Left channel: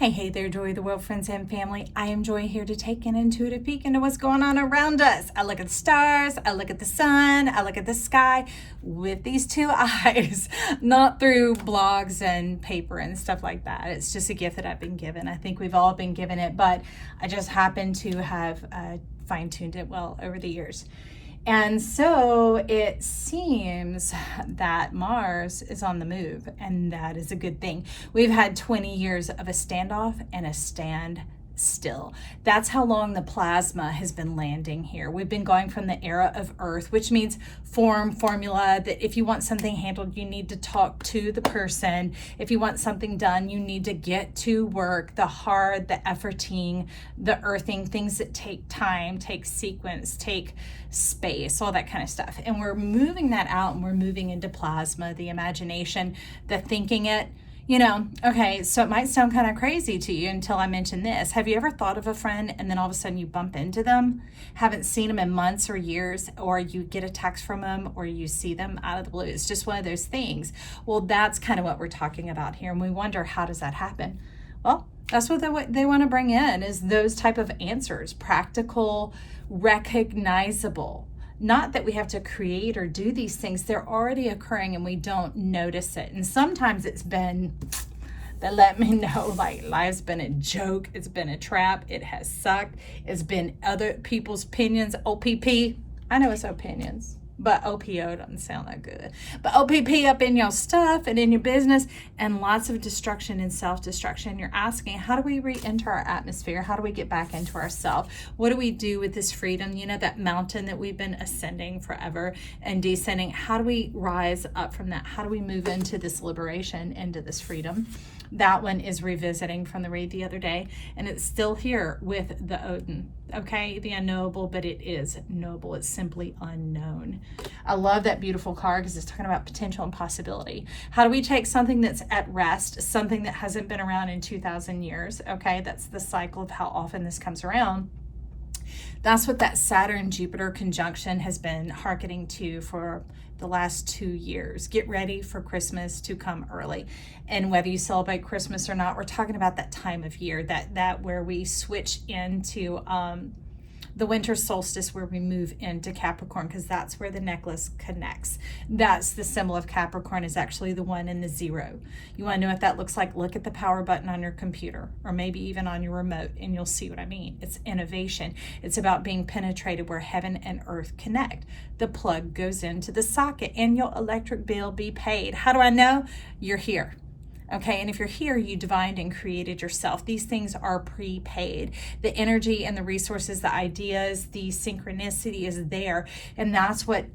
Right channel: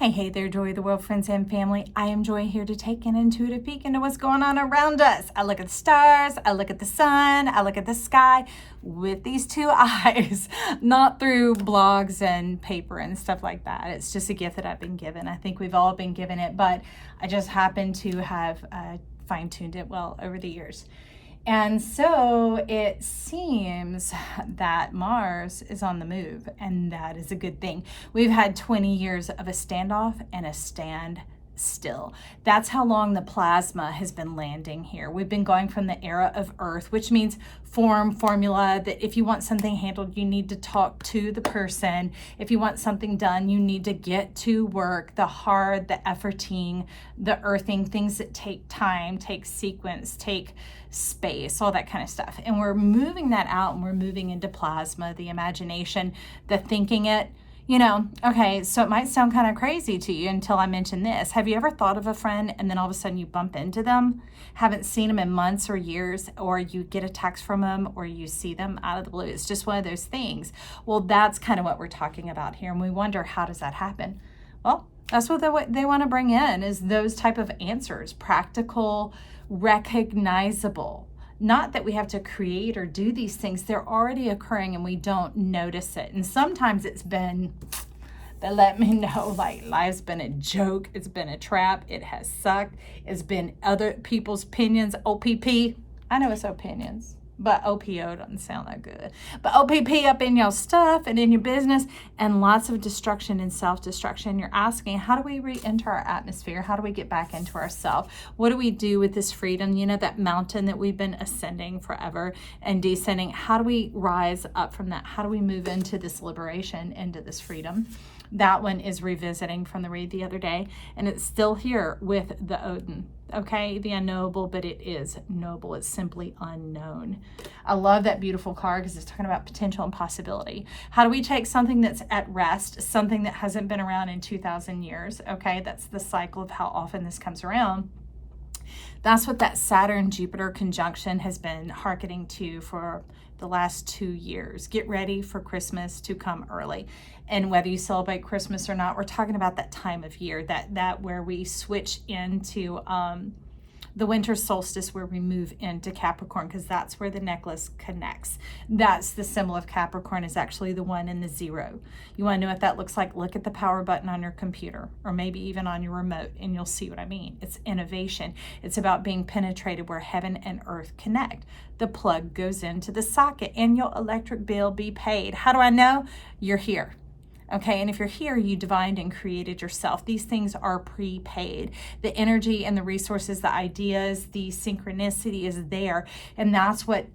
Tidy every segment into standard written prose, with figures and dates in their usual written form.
Hey there, Joy of the World, friends and family. I am Joy, here to take an intuitive peek into what's going on around us. I look at the stars, I look at the sun, I look at the sky with these two eyes, not through blogs and paper and stuff like that. It's just a gift that I've been given. I think we've all been given it, but I just happen to have fine-tuned it well over the years. And so it seems that Mars is on the move, and that is a good thing. We've had 20 years of a standoff and a stand still. That's how long the plasma has been landing here. We've been going from the era of Earth, which means formula, that if you want something handled, you need to talk to the person. If you want something done, you need to get to work, the hard, the efforting, the earthing, things that take time, take sequence, take space, all that kind of stuff. And we're moving that out, and we're moving into plasma, the imagination, the thinking it. Okay, so it might sound kind of crazy to you until I mention this. Have you ever thought of a friend and then all of a sudden you bump into them, haven't seen them in months or years, or you get a text from them, or you see them out of the blue? It's just one of those things. Well, that's kind of what we're talking about here. And we wonder, how does that happen? Well, that's what they want to bring in, is those type of answers, practical, recognizable. Not that we have to create or do these things. They're already occurring and we don't notice it. And sometimes it's been, they let me know, like, life's been a joke. It's been a trap. It has sucked. It's been other people's opinions. OPP. I know it's opinions, but OPO doesn't sound that good. But OPP up in your stuff and in your business, and lots of destruction and self-destruction. You're asking, how do we re-enter our atmosphere? How do we get back into ourself? What do we do with this freedom? That mountain that we've been ascending forever and descending. How do we rise up from that? How do we move into this liberation, into this freedom? That one is revisiting from the read the other day, and it's still here with the Odin. Okay, the unknowable, but it is knowable. It's simply unknown. I love that beautiful card because it's talking about potential and possibility. How do we take something that's at rest, something that hasn't been around in 2,000 years? Okay, that's the cycle of how often this comes around. That's what that Saturn-Jupiter conjunction has been hearkening to for the last 2 years. Get ready for Christmas to come early. And whether you celebrate Christmas or not, we're talking about that time of year, that where we switch into the winter solstice, where we move into Capricorn, because that's where the necklace connects. That's the symbol of Capricorn, is actually the 1 and the 0. You want to know what that looks like? Look at the power button on your computer, or maybe even on your remote, and you'll see what I mean. It's innovation. It's about being penetrated where heaven and earth connect. The plug goes into the socket, and your electric bill be paid. How do I know? You're here. Okay, and if you're here, you divined and created yourself. These things are prepaid. The energy and the resources, the ideas, the synchronicity is there. And that's what,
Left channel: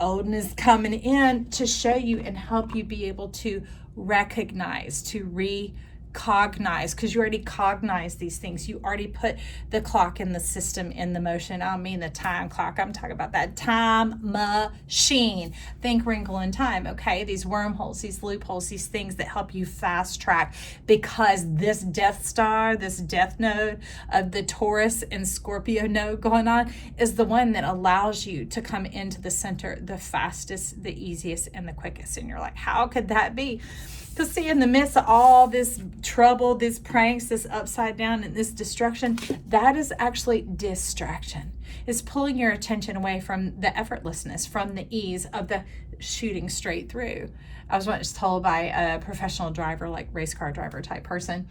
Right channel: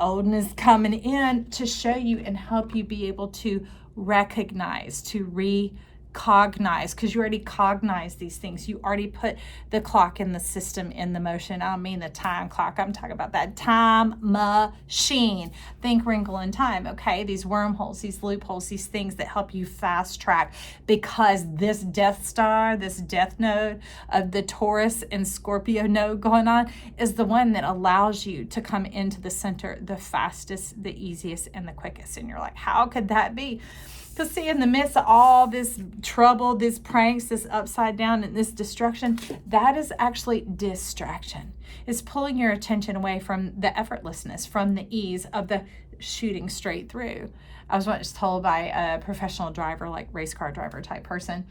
Odin is coming in to show you and help you be able to recognize, to recognize, because you already cognize these things. You already put the clock in the system in the motion. I don't mean the time clock. I'm talking about that time machine. Think Wrinkle in Time, okay? These wormholes, these loopholes, these things that help you fast track, because this Death Star, this death node of the Taurus and Scorpio node going on is the one that allows you to come into the center the fastest, the easiest, and the quickest. And you're like, how could that be? To see, in the midst of all this trouble, this pranks, this upside down, and this destruction, that is actually distraction. It's pulling your attention away from the effortlessness, from the ease of the shooting straight through. I was once told by a professional driver, like race car driver type person,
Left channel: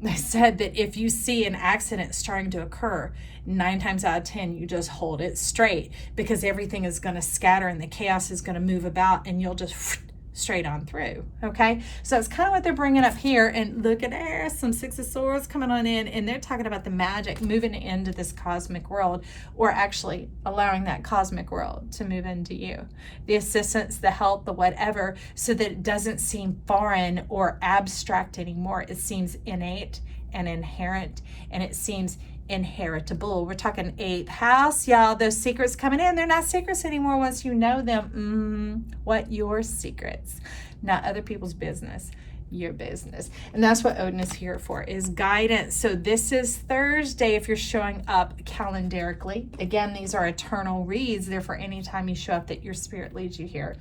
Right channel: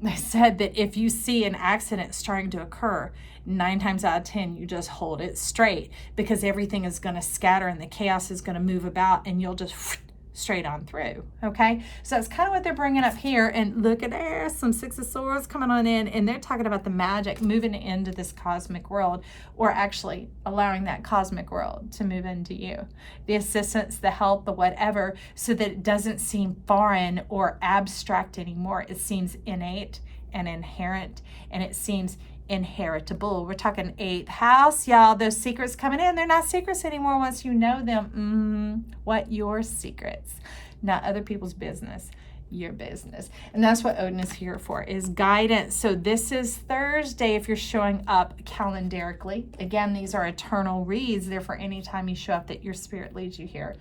they said that if you see an accident starting to occur, 9 times out of 10, you just hold it straight, because everything is going to scatter and the chaos is going to move about, and you'll just straight on through. Okay, so it's kind of what they're bringing up here. And look at there, some Six of Swords coming on in, and they're talking about the magic moving into this cosmic world, or actually allowing that cosmic world to move into you, the assistance, the help, the whatever, so that it doesn't seem foreign or abstract anymore. It seems innate and inherent, and it seems inheritable. We're talking 8th house, y'all. Those secrets coming in, they're not secrets anymore once you know them. What? Your secrets, not other people's business, your business. And that's what Odin is here for, is guidance. So this is Thursday if you're showing up calendarically. Again, these are eternal reads. They're for any time you show up that your spirit leads you here.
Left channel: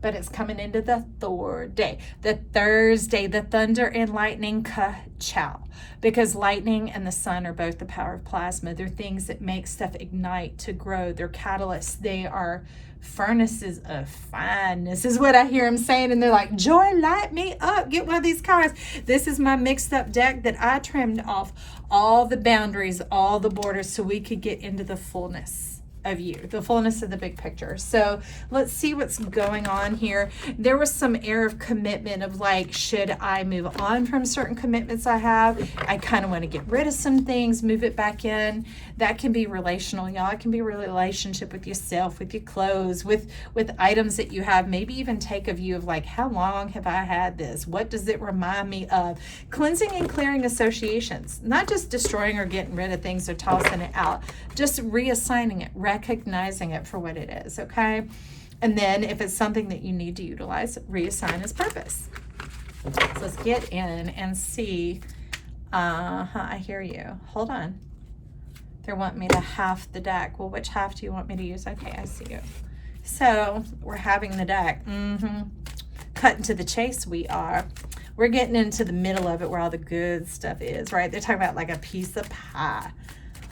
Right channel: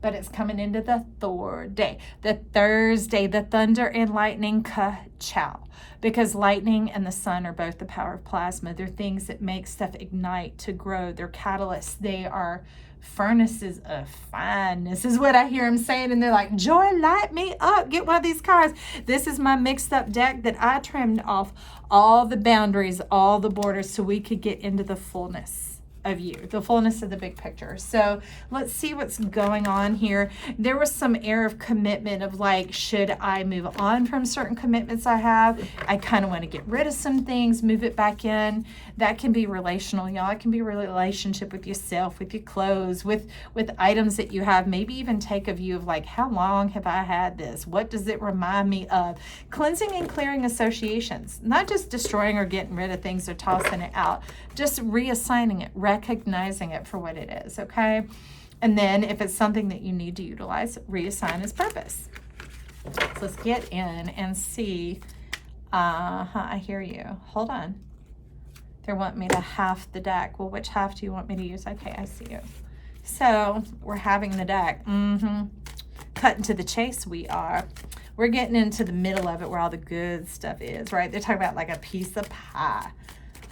but it's coming into the Thor day, the Thursday, the thunder and lightning ka-chow. Because lightning and the sun are both the power of plasma. They're things that make stuff ignite to grow. They're catalysts. They are furnaces of fineness is what I hear him saying. And they're like, Joy, light me up. Get one of these cards. This is my mixed up deck that I trimmed off all the boundaries, all the borders, so we could get into the fullness of you, the fullness of the big picture. So let's see what's going on here. There was some air of commitment of like, should I move on from certain commitments I have? I kind of want to get rid of some things, move it back in. That can be relational, y'all. It can be a relationship with yourself, with your clothes, with items that you have. Maybe even take a view of like, how long have I had this? What does it remind me of? Cleansing and clearing associations, not just destroying or getting rid of things or tossing it out, just reassigning it, recognizing it for what it is, okay? And then if it's something that you need to utilize, reassign its purpose. So let's get in and see. I hear you. Hold on. They're wanting me to half the deck. Well, which half do you want me to use? Okay, I see you. So we're having the deck. Cutting to the chase we are. We're getting into the middle of it where all the good stuff is, right? They're talking about like a piece of pie.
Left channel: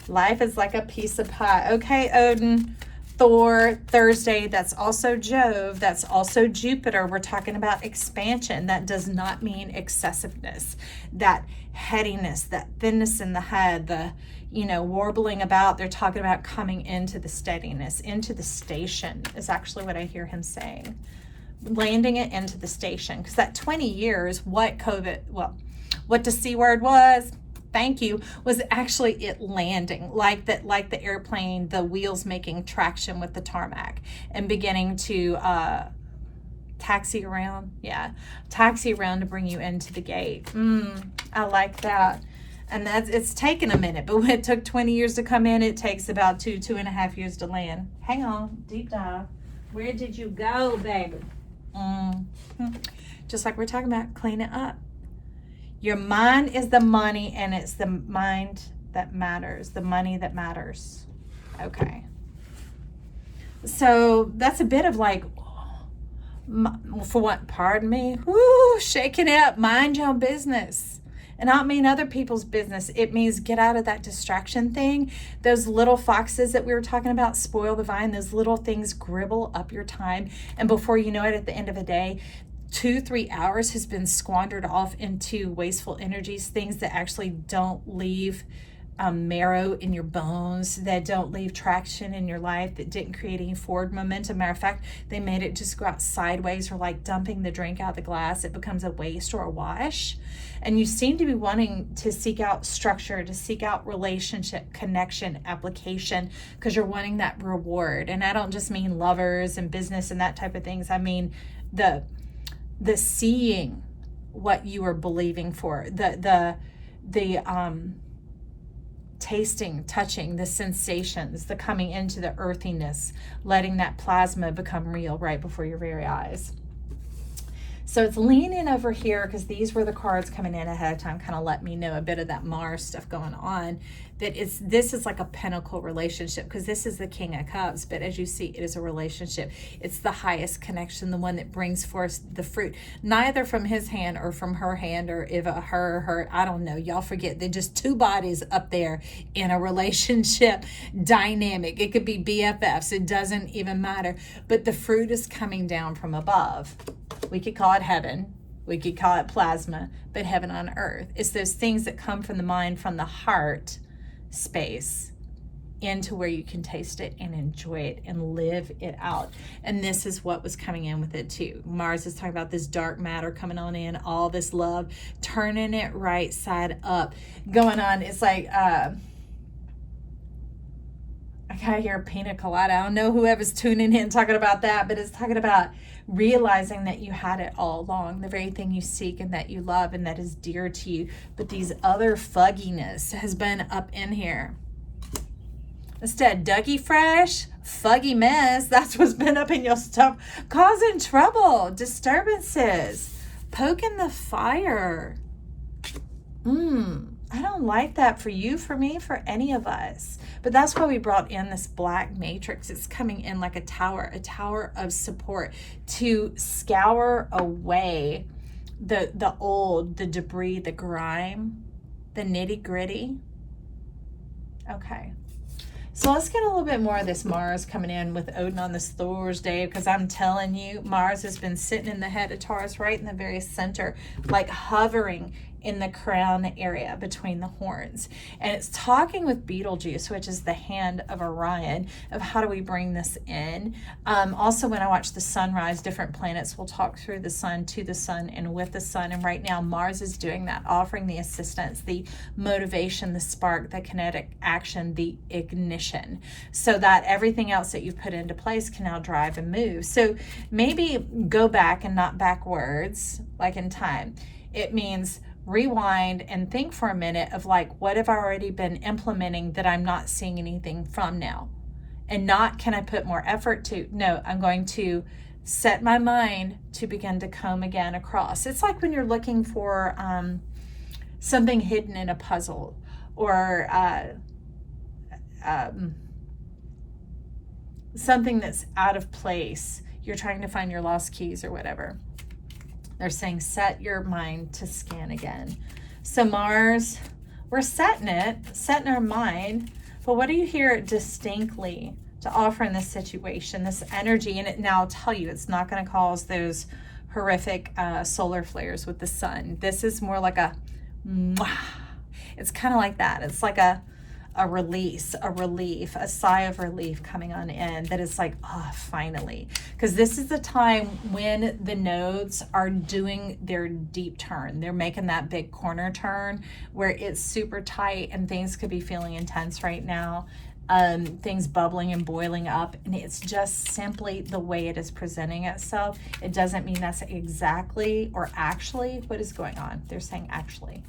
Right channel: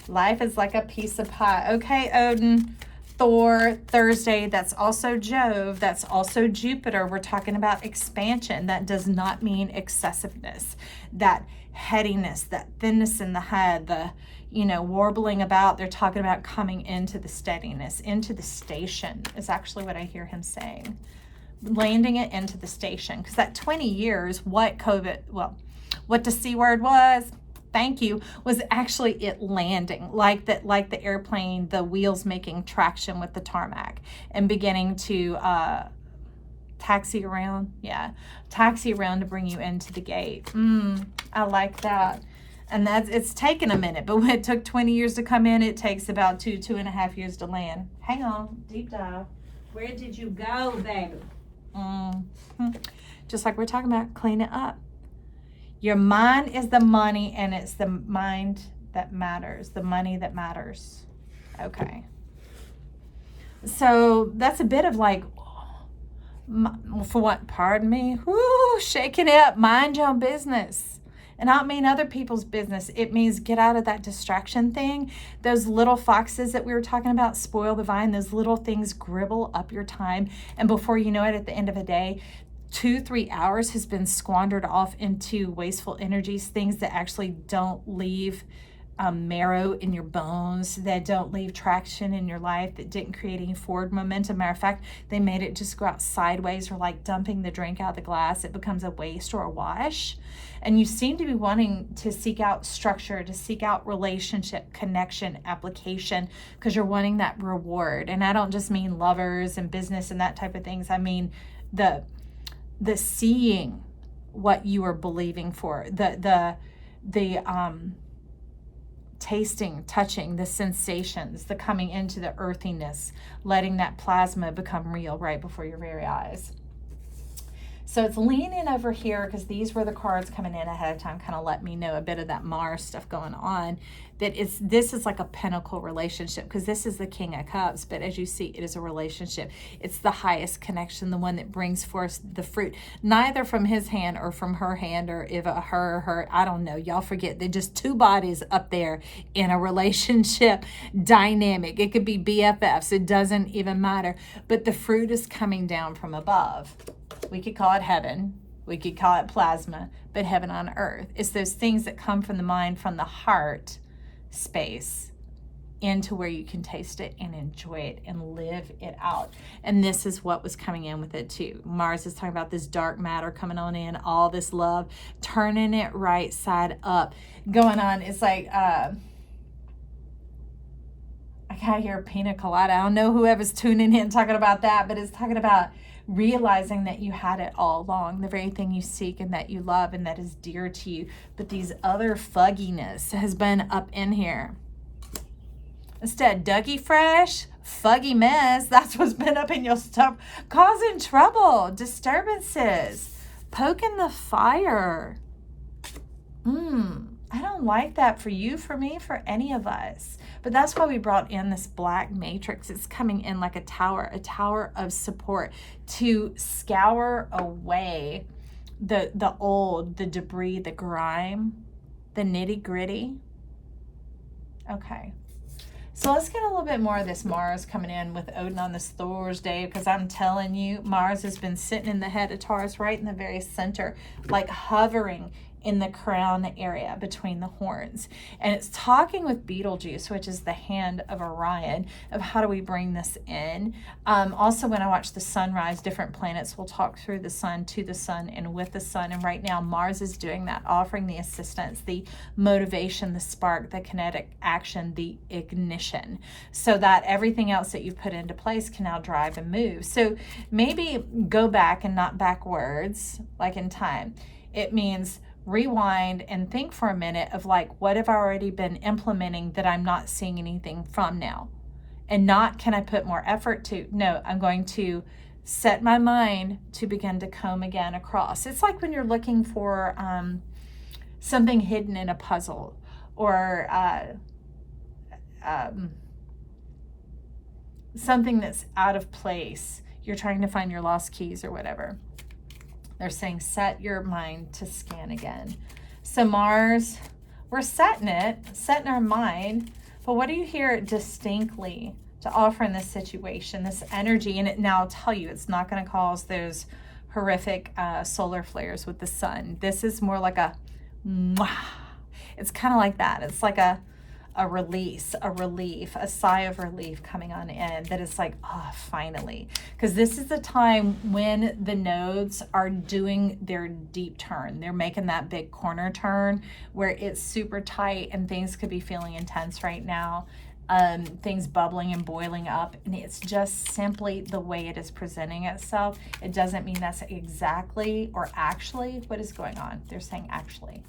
Life is like a piece of pie. Okay, Odin, Thor, Thursday, that's also Jove, that's also Jupiter. We're talking about expansion. That does not mean excessiveness, that headiness, that thinness in the head, the, warbling about. They're talking about coming into the steadiness, into the station is actually what I hear him saying. Landing it into the station. Because that 20 years, what the C word was, thank you, was actually it landing, like the airplane, the wheels making traction with the tarmac and beginning to taxi around. Yeah, taxi around to bring you into the gate. I like that. And it's taken a minute, but when it took 20 years to come in, it takes about 2.5 years to land. Hang on, deep dive. Where did you go, baby? Just like we're talking about, clean it up. Your mind is the money, and it's the mind that matters, the money that matters. Okay. So that's a bit of like, for what, pardon me, shaking it up, mind your own business. And I don't mean other people's business. It means get out of that distraction thing. Those little foxes that we were talking about spoil the vine. Those little things gribble up your time. And before you know it, at the end of the day, 2-3 hours has been squandered off into wasteful energies, things that actually don't leave marrow in your bones, that don't leave traction in your life, that didn't create any forward momentum. Matter of fact, they made it just go out sideways, or like dumping the drink out of the glass. It becomes a waste or a wash. And you seem to be wanting to seek out structure, to seek out relationship, connection, application, because you're wanting that reward. And I don't just mean lovers and business and that type of things. I mean the seeing what you are believing for, the tasting, touching, the sensations, the coming into the earthiness, letting that plasma become real right before your very eyes. So it's leaning over here, because these were the cards coming in ahead of time, kind of let me know a bit of that Mars stuff going on, that this is like a pinnacle relationship, because this is the King of Cups, but as you see, it is a relationship. It's the highest connection, the one that brings forth the fruit, neither from his hand or from her hand, or if her, I don't know, y'all forget, they're just two bodies up there in a relationship dynamic. It could be BFFs, it doesn't even matter, but the fruit is coming down from above. We could call it heaven, we could call it plasma, but heaven on earth. It's those things that come from the mind, from the heart space, into where you can taste it and enjoy it and live it out. And this is what was coming in with it too. Mars is talking about this dark matter coming on in, all this love, turning it right side up, going on. It's like, I kind of hear pina colada. I don't know whoever's tuning in talking about that, but it's talking about realizing that you had it all along, the very thing you seek and that you love and that is dear to you, but these other fugginess has been up in here. Instead, Dougie Fresh, fuggy mess, that's what's been up in your stuff, causing trouble, disturbances, poking the fire. I don't like that for you, for me, for any of us. But that's why we brought in this black matrix. It's coming in like a tower of support to scour away the old, the debris, the grime, the nitty gritty. Okay. So let's get a little bit more of this Mars coming in with Odin on this Thursday, because I'm telling you, Mars has been sitting in the head of Taurus, right in the very center, like hovering in the crown area between the horns. And it's talking with Betelgeuse, which is the hand of Orion, of how do we bring this in. Also, when I watch the sunrise, different planets will talk through the sun, to the sun, and with the sun. And right now, Mars is doing that, offering the assistance, the motivation, the spark, the kinetic action, the ignition, so that everything else that you've put into place can now drive and move. So maybe go back and not backwards, like in time. It means rewind and think for a minute of like, what have I already been implementing that I'm not seeing anything from now? And not, can I put more effort to? No, I'm going to set my mind to begin to comb again across. It's like when you're looking for something hidden in a puzzle, or something that's out of place. You're trying to find your lost keys or whatever. They're saying set your mind to scan again. So Mars, we're setting our mind, but what do you hear distinctly to offer in this situation, this energy? And it now, I'll tell you, it's not going to cause those horrific solar flares with the sun. This is more like a, it's kind of like that. It's like a release, a relief, a sigh of relief coming on in, that is like, oh, finally. Because this is the time when the nodes are doing their deep turn. They're making that big corner turn where it's super tight and things could be feeling intense right now. Things bubbling and boiling up, and it's just simply the way it is presenting itself. It doesn't mean that's exactly or actually what is going on. They're saying actually.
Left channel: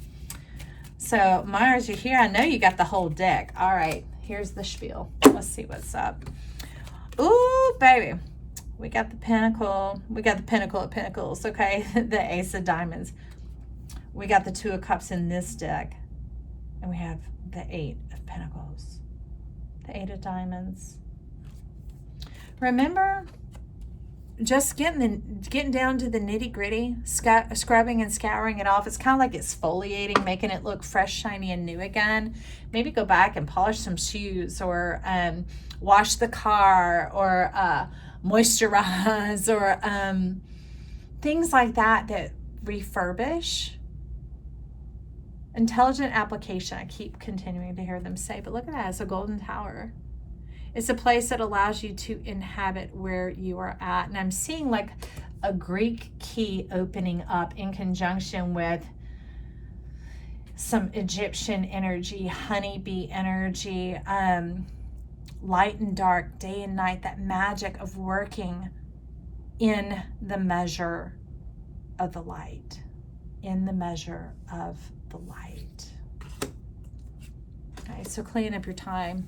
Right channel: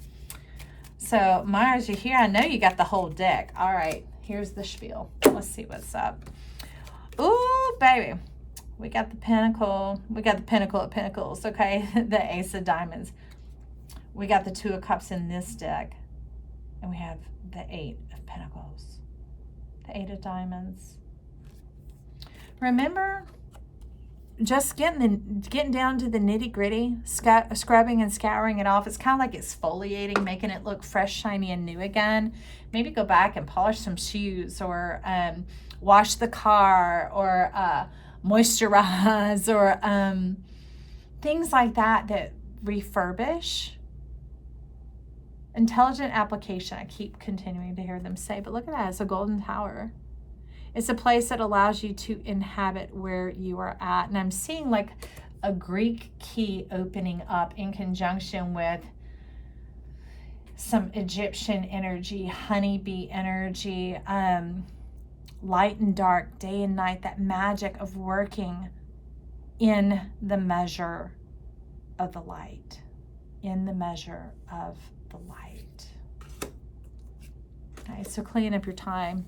So Mars, you're here. I know you got the whole deck. All right, here's the spiel. Let's see what's up. Ooh, baby. We got the Pentacle. We got the Pinnacle of Pentacles, okay? The Ace of Diamonds. We got the Two of Cups in this deck. And we have the Eight of Pentacles. The Eight of Diamonds. Remember, just getting down to the nitty gritty, scrubbing and scouring it off. It's kind of like exfoliating, making it look fresh, shiny, and new again. Maybe go back and polish some shoes, or wash the car, or moisturize, or things like that that refurbish. Intelligent application, I keep continuing to hear them say, but look at that, it's a golden tower. It's a place that allows you to inhabit where you are at. And I'm seeing like a Greek key opening up in conjunction with some Egyptian energy, honeybee energy, light and dark, day and night, that magic of working in the measure of the light, in the measure of the light. Okay, so clean up your time.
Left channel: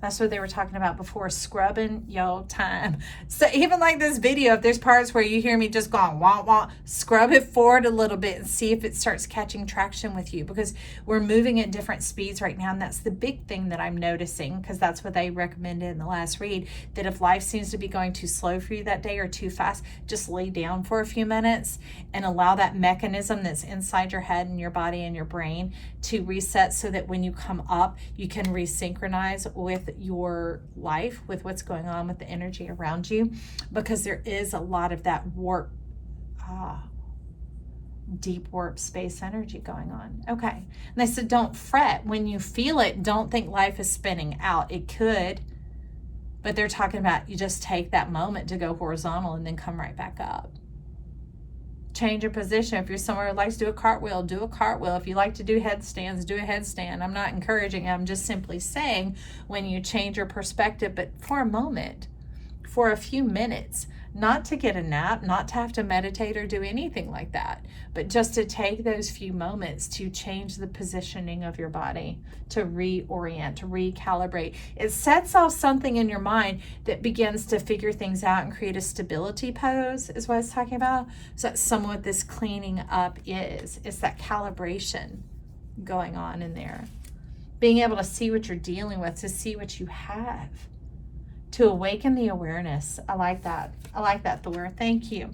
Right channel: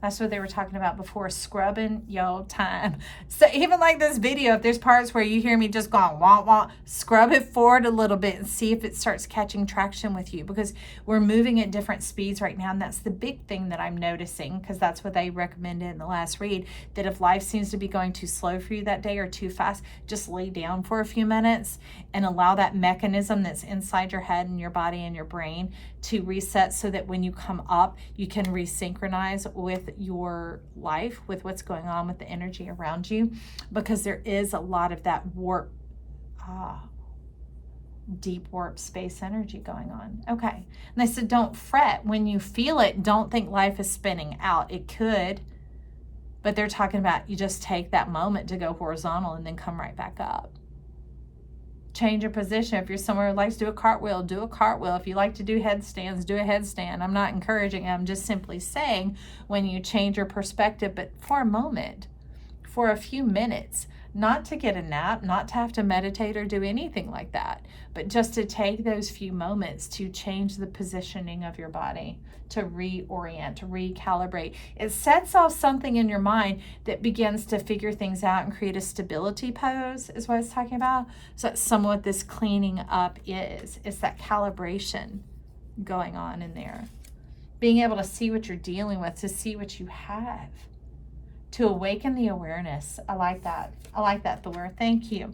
That's what they were talking about before, scrubbing your time. So even like this video, if there's parts where you hear me just going wah wah, scrub it forward a little bit and see if it starts catching traction with you, because we're moving at different speeds right now. And that's the big thing that I'm noticing, because that's what they recommended in the last read, that if life seems to be going too slow for you that day or too fast, just lay down for a few minutes and allow that mechanism that's inside your head and your body and your brain to reset, so that when you come up, you can resynchronize with your life, with what's going on with the energy around you, because there is a lot of that warp, deep warp space energy going on. Okay. And they said, don't fret when you feel it. Don't think life is spinning out. It could, but they're talking about you just take that moment to go horizontal and then come right back up. Change your position. If you're somewhere who likes to do a cartwheel, do a cartwheel. If you like to do headstands, do a headstand. I'm not encouraging, I'm just simply saying, when you change your perspective, but for a moment, for a few minutes, not to get a nap, not to have to meditate or do anything like that, but just to take those few moments to change the positioning of your body, to reorient, to recalibrate. It sets off something in your mind that begins to figure things out and create a stability pose, is what I was talking about. So that's somewhat this cleaning up is. It's that calibration going on in there. being able to see what you're dealing with, to see what you have, to awaken the awareness. I like that. I like that, Thor. Thank you.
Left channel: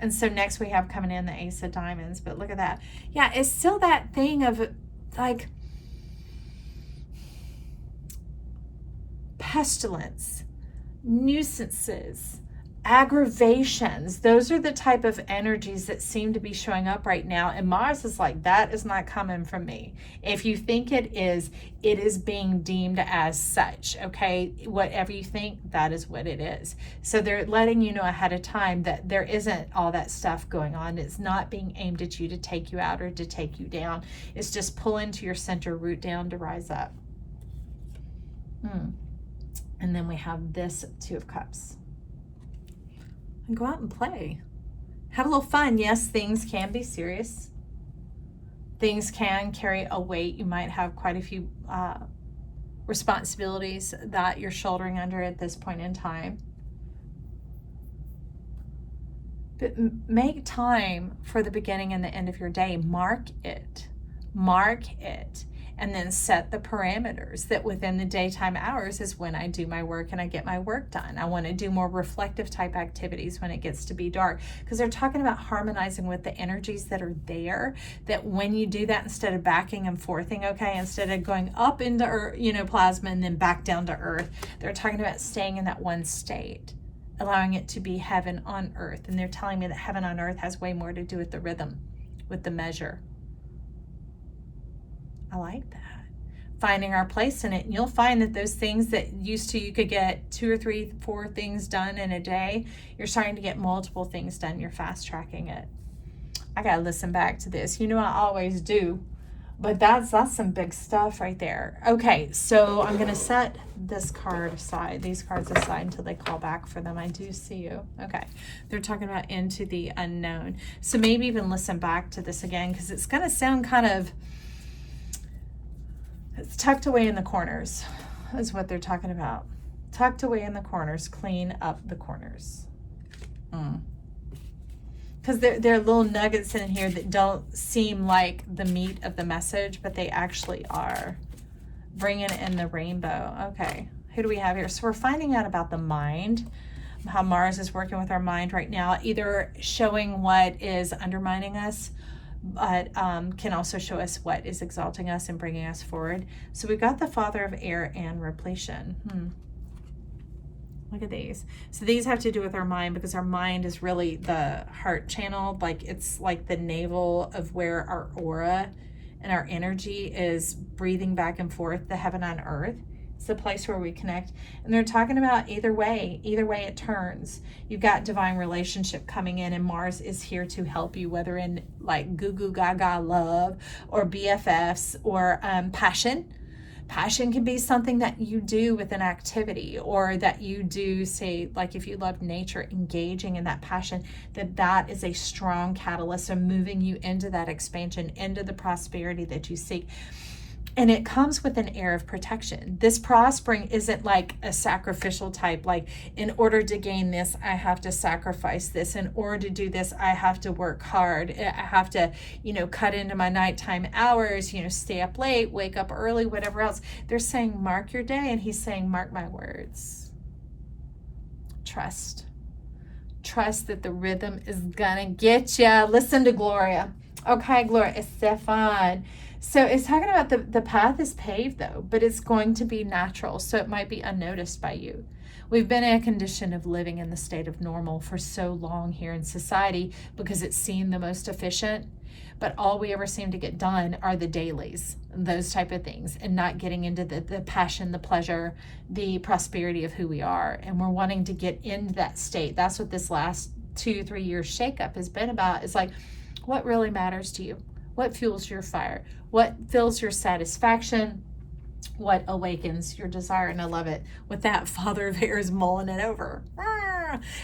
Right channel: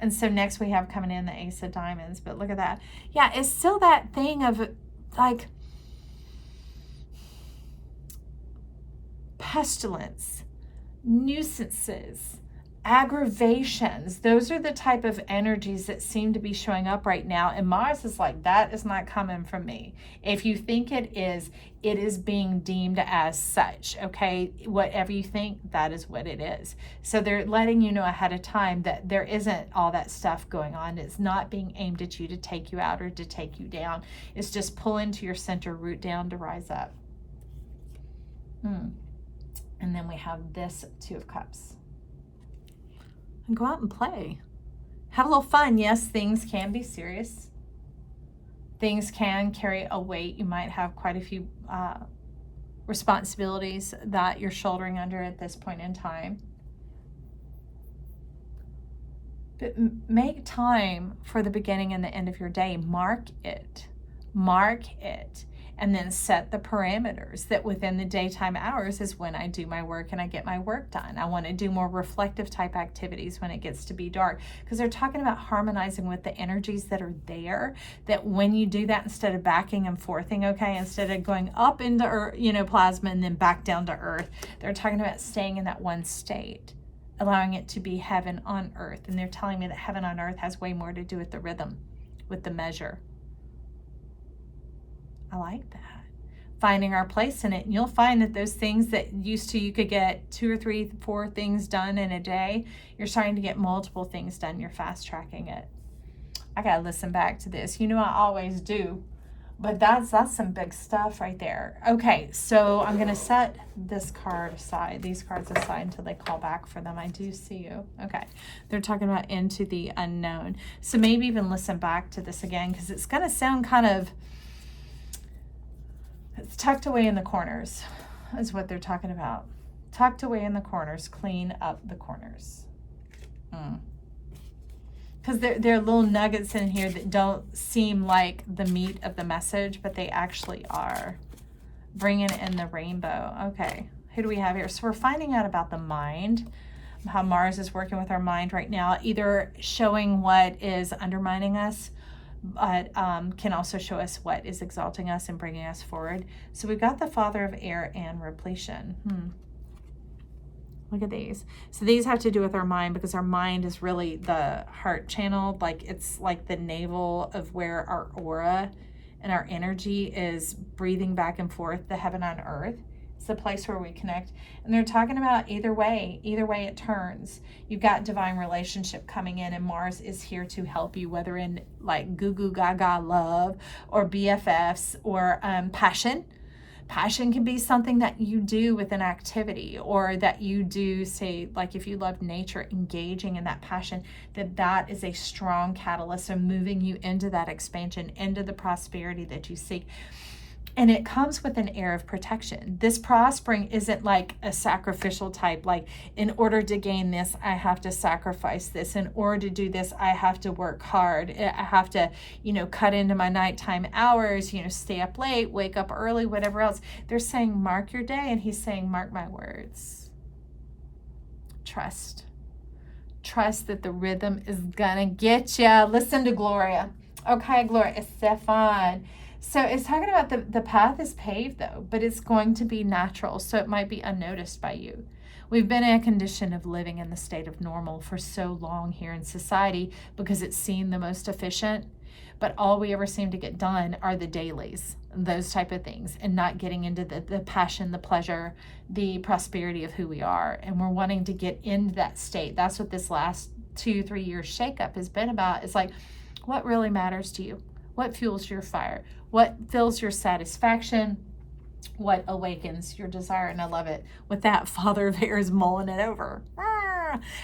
And so next we have coming in the Ace of Diamonds, but look at that. Yeah, it's still that thing of like pestilence, nuisances, aggravations. Those are the type of energies that seem to be showing up right now. And Mars is like, that is not coming from me. If you think it is being deemed as such. Okay, whatever you think, that is what it is. So they're letting you know ahead of time that there isn't all that stuff going on. It's not being aimed at you to take you out or to take you down. It's just pull into your center, root down to rise up. And then we have this Two of Cups. And go out and play. Have a little fun. Yes, things can be serious. Things can carry a weight. You might have quite a few responsibilities that you're shouldering under at this point in time. But make time for the beginning and the end of your day. Mark it. Mark it. And then set the parameters that within the daytime hours is when I do my work and I get my work done. I want to do more reflective type activities when it gets to be dark, because they're talking about harmonizing with the energies that are there, that when you do that, instead of backing and forthing, okay, instead of going up into earth, plasma and then back down to earth, they're talking about staying in that one state, allowing it to be heaven on earth. And they're telling me that heaven on earth has way more to do with the rhythm, with the measure. I like that. Finding our place in it. And you'll find that those things that used to, you could get 2 or 3, 4 things done in a day, you're starting to get multiple things done. You're fast tracking it. I got to listen back to this. I always do. But that's some big stuff right there. Okay, so I'm going to set this card aside, these cards aside until they call back for them. I do see you. Okay, they're talking about into the unknown. So maybe even listen back to this again, because it's going to sound kind of, it's tucked away in the corners is what they're talking about. Tucked away in the corners. Clean up the corners. Because there are little nuggets in here that don't seem like the meat of the message, but they actually are. Bringing in the rainbow. Okay, who do we have here? So we're finding out about the mind, how Mars is working with our mind right now, either showing what is undermining us, but can also show us what is exalting us and bringing us forward. So we've got the Father of Air and repletion. Look at these. So these have to do with our mind, because our mind is really the heart channel. Like, it's like the navel of where our aura and our energy is breathing back and forth, the heaven on earth. It's the place where we connect. And they're talking about either way it turns. You've got divine relationship coming in, and Mars is here to help you, whether in like goo goo gaga love or BFFs or passion. Passion can be something that you do with an activity, or that you do, say, like if you love nature, engaging in that passion, that is a strong catalyst of moving you into that expansion, into the prosperity that you seek. And it comes with an air of protection. This prospering isn't like a sacrificial type, like in order to gain this, I have to sacrifice this. In order to do this, I have to work hard. I have to, cut into my nighttime hours, stay up late, wake up early, whatever else. They're saying, mark your day. And he's saying, mark my words. Trust. Trust that the rhythm is gonna get you. Listen to Gloria. Okay, Gloria, Stefan. So it's talking about the path is paved, though, but it's going to be natural, so it might be unnoticed by you. We've been in a condition of living in the state of normal for so long here in society because it's seen the most efficient, but all we ever seem to get done are the dailies, those type of things, and not getting into the passion, the pleasure, the prosperity of who we are. And we're wanting to get into that state. That's what this last 2-3 year shakeup has been about. It's like, what really matters to you? What fuels your fire? What fills your satisfaction? What awakens your desire? And I love it. With that, Father of Air is mulling it over.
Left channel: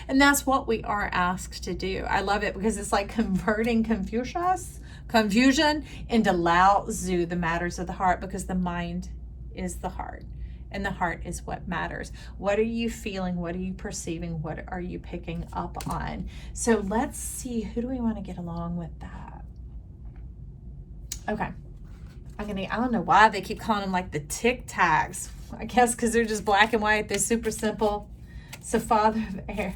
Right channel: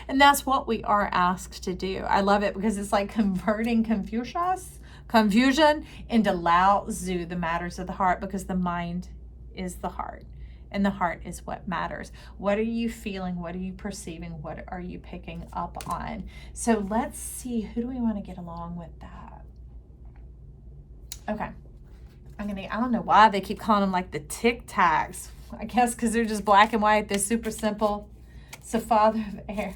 And that's what we are asked to do. I love it because it's like converting confusion into Lao Tzu, the matters of the heart, because the mind is the heart. And the heart is what matters. What are you feeling? What are you perceiving? What are you picking up on? So let's see, who do we want to get along with that? Okay. I don't know why they keep calling them like the Tic Tacs. I guess because they're just black and white. They're super simple. So Father of Air.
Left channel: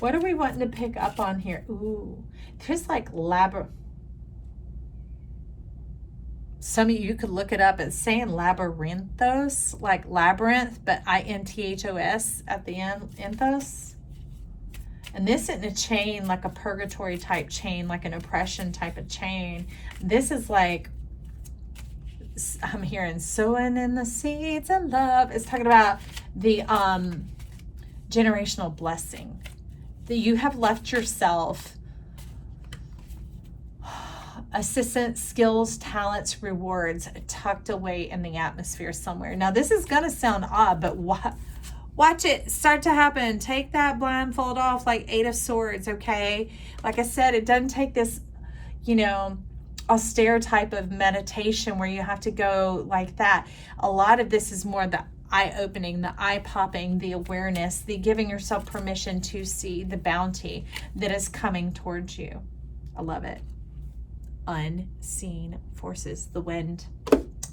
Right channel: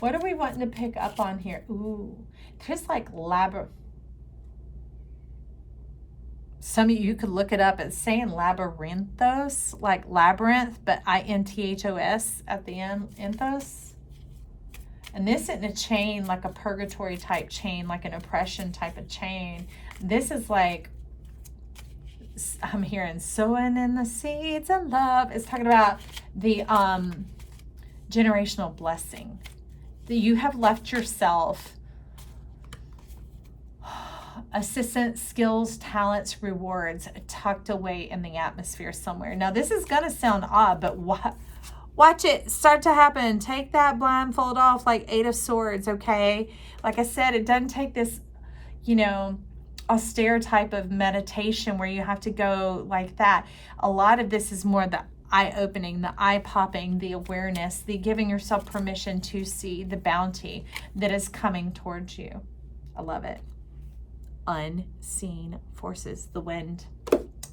What are we wanting to pick up on here? Ooh, there's like some of you could look it up. It's saying labyrinthos, like labyrinth, but I-N-T-H-O-S at the end, enthos. And this isn't a chain, like a purgatory type chain, like an oppression type of chain. This is like, I'm hearing sowing in the seeds of love. It's talking about the generational blessing. That you have left yourself assistance, skills, talents, rewards tucked away in the atmosphere somewhere. Now, this is going to sound odd, but watch it start to happen. Take that blindfold off like 8 of Swords, okay? Like I said, it doesn't take this, you know, austere type of meditation where you have to go like that. A lot of this is more the eye-opening, the eye-popping, the awareness, the giving yourself permission to see the bounty that is coming towards you. I love it. Unseen forces, the wind.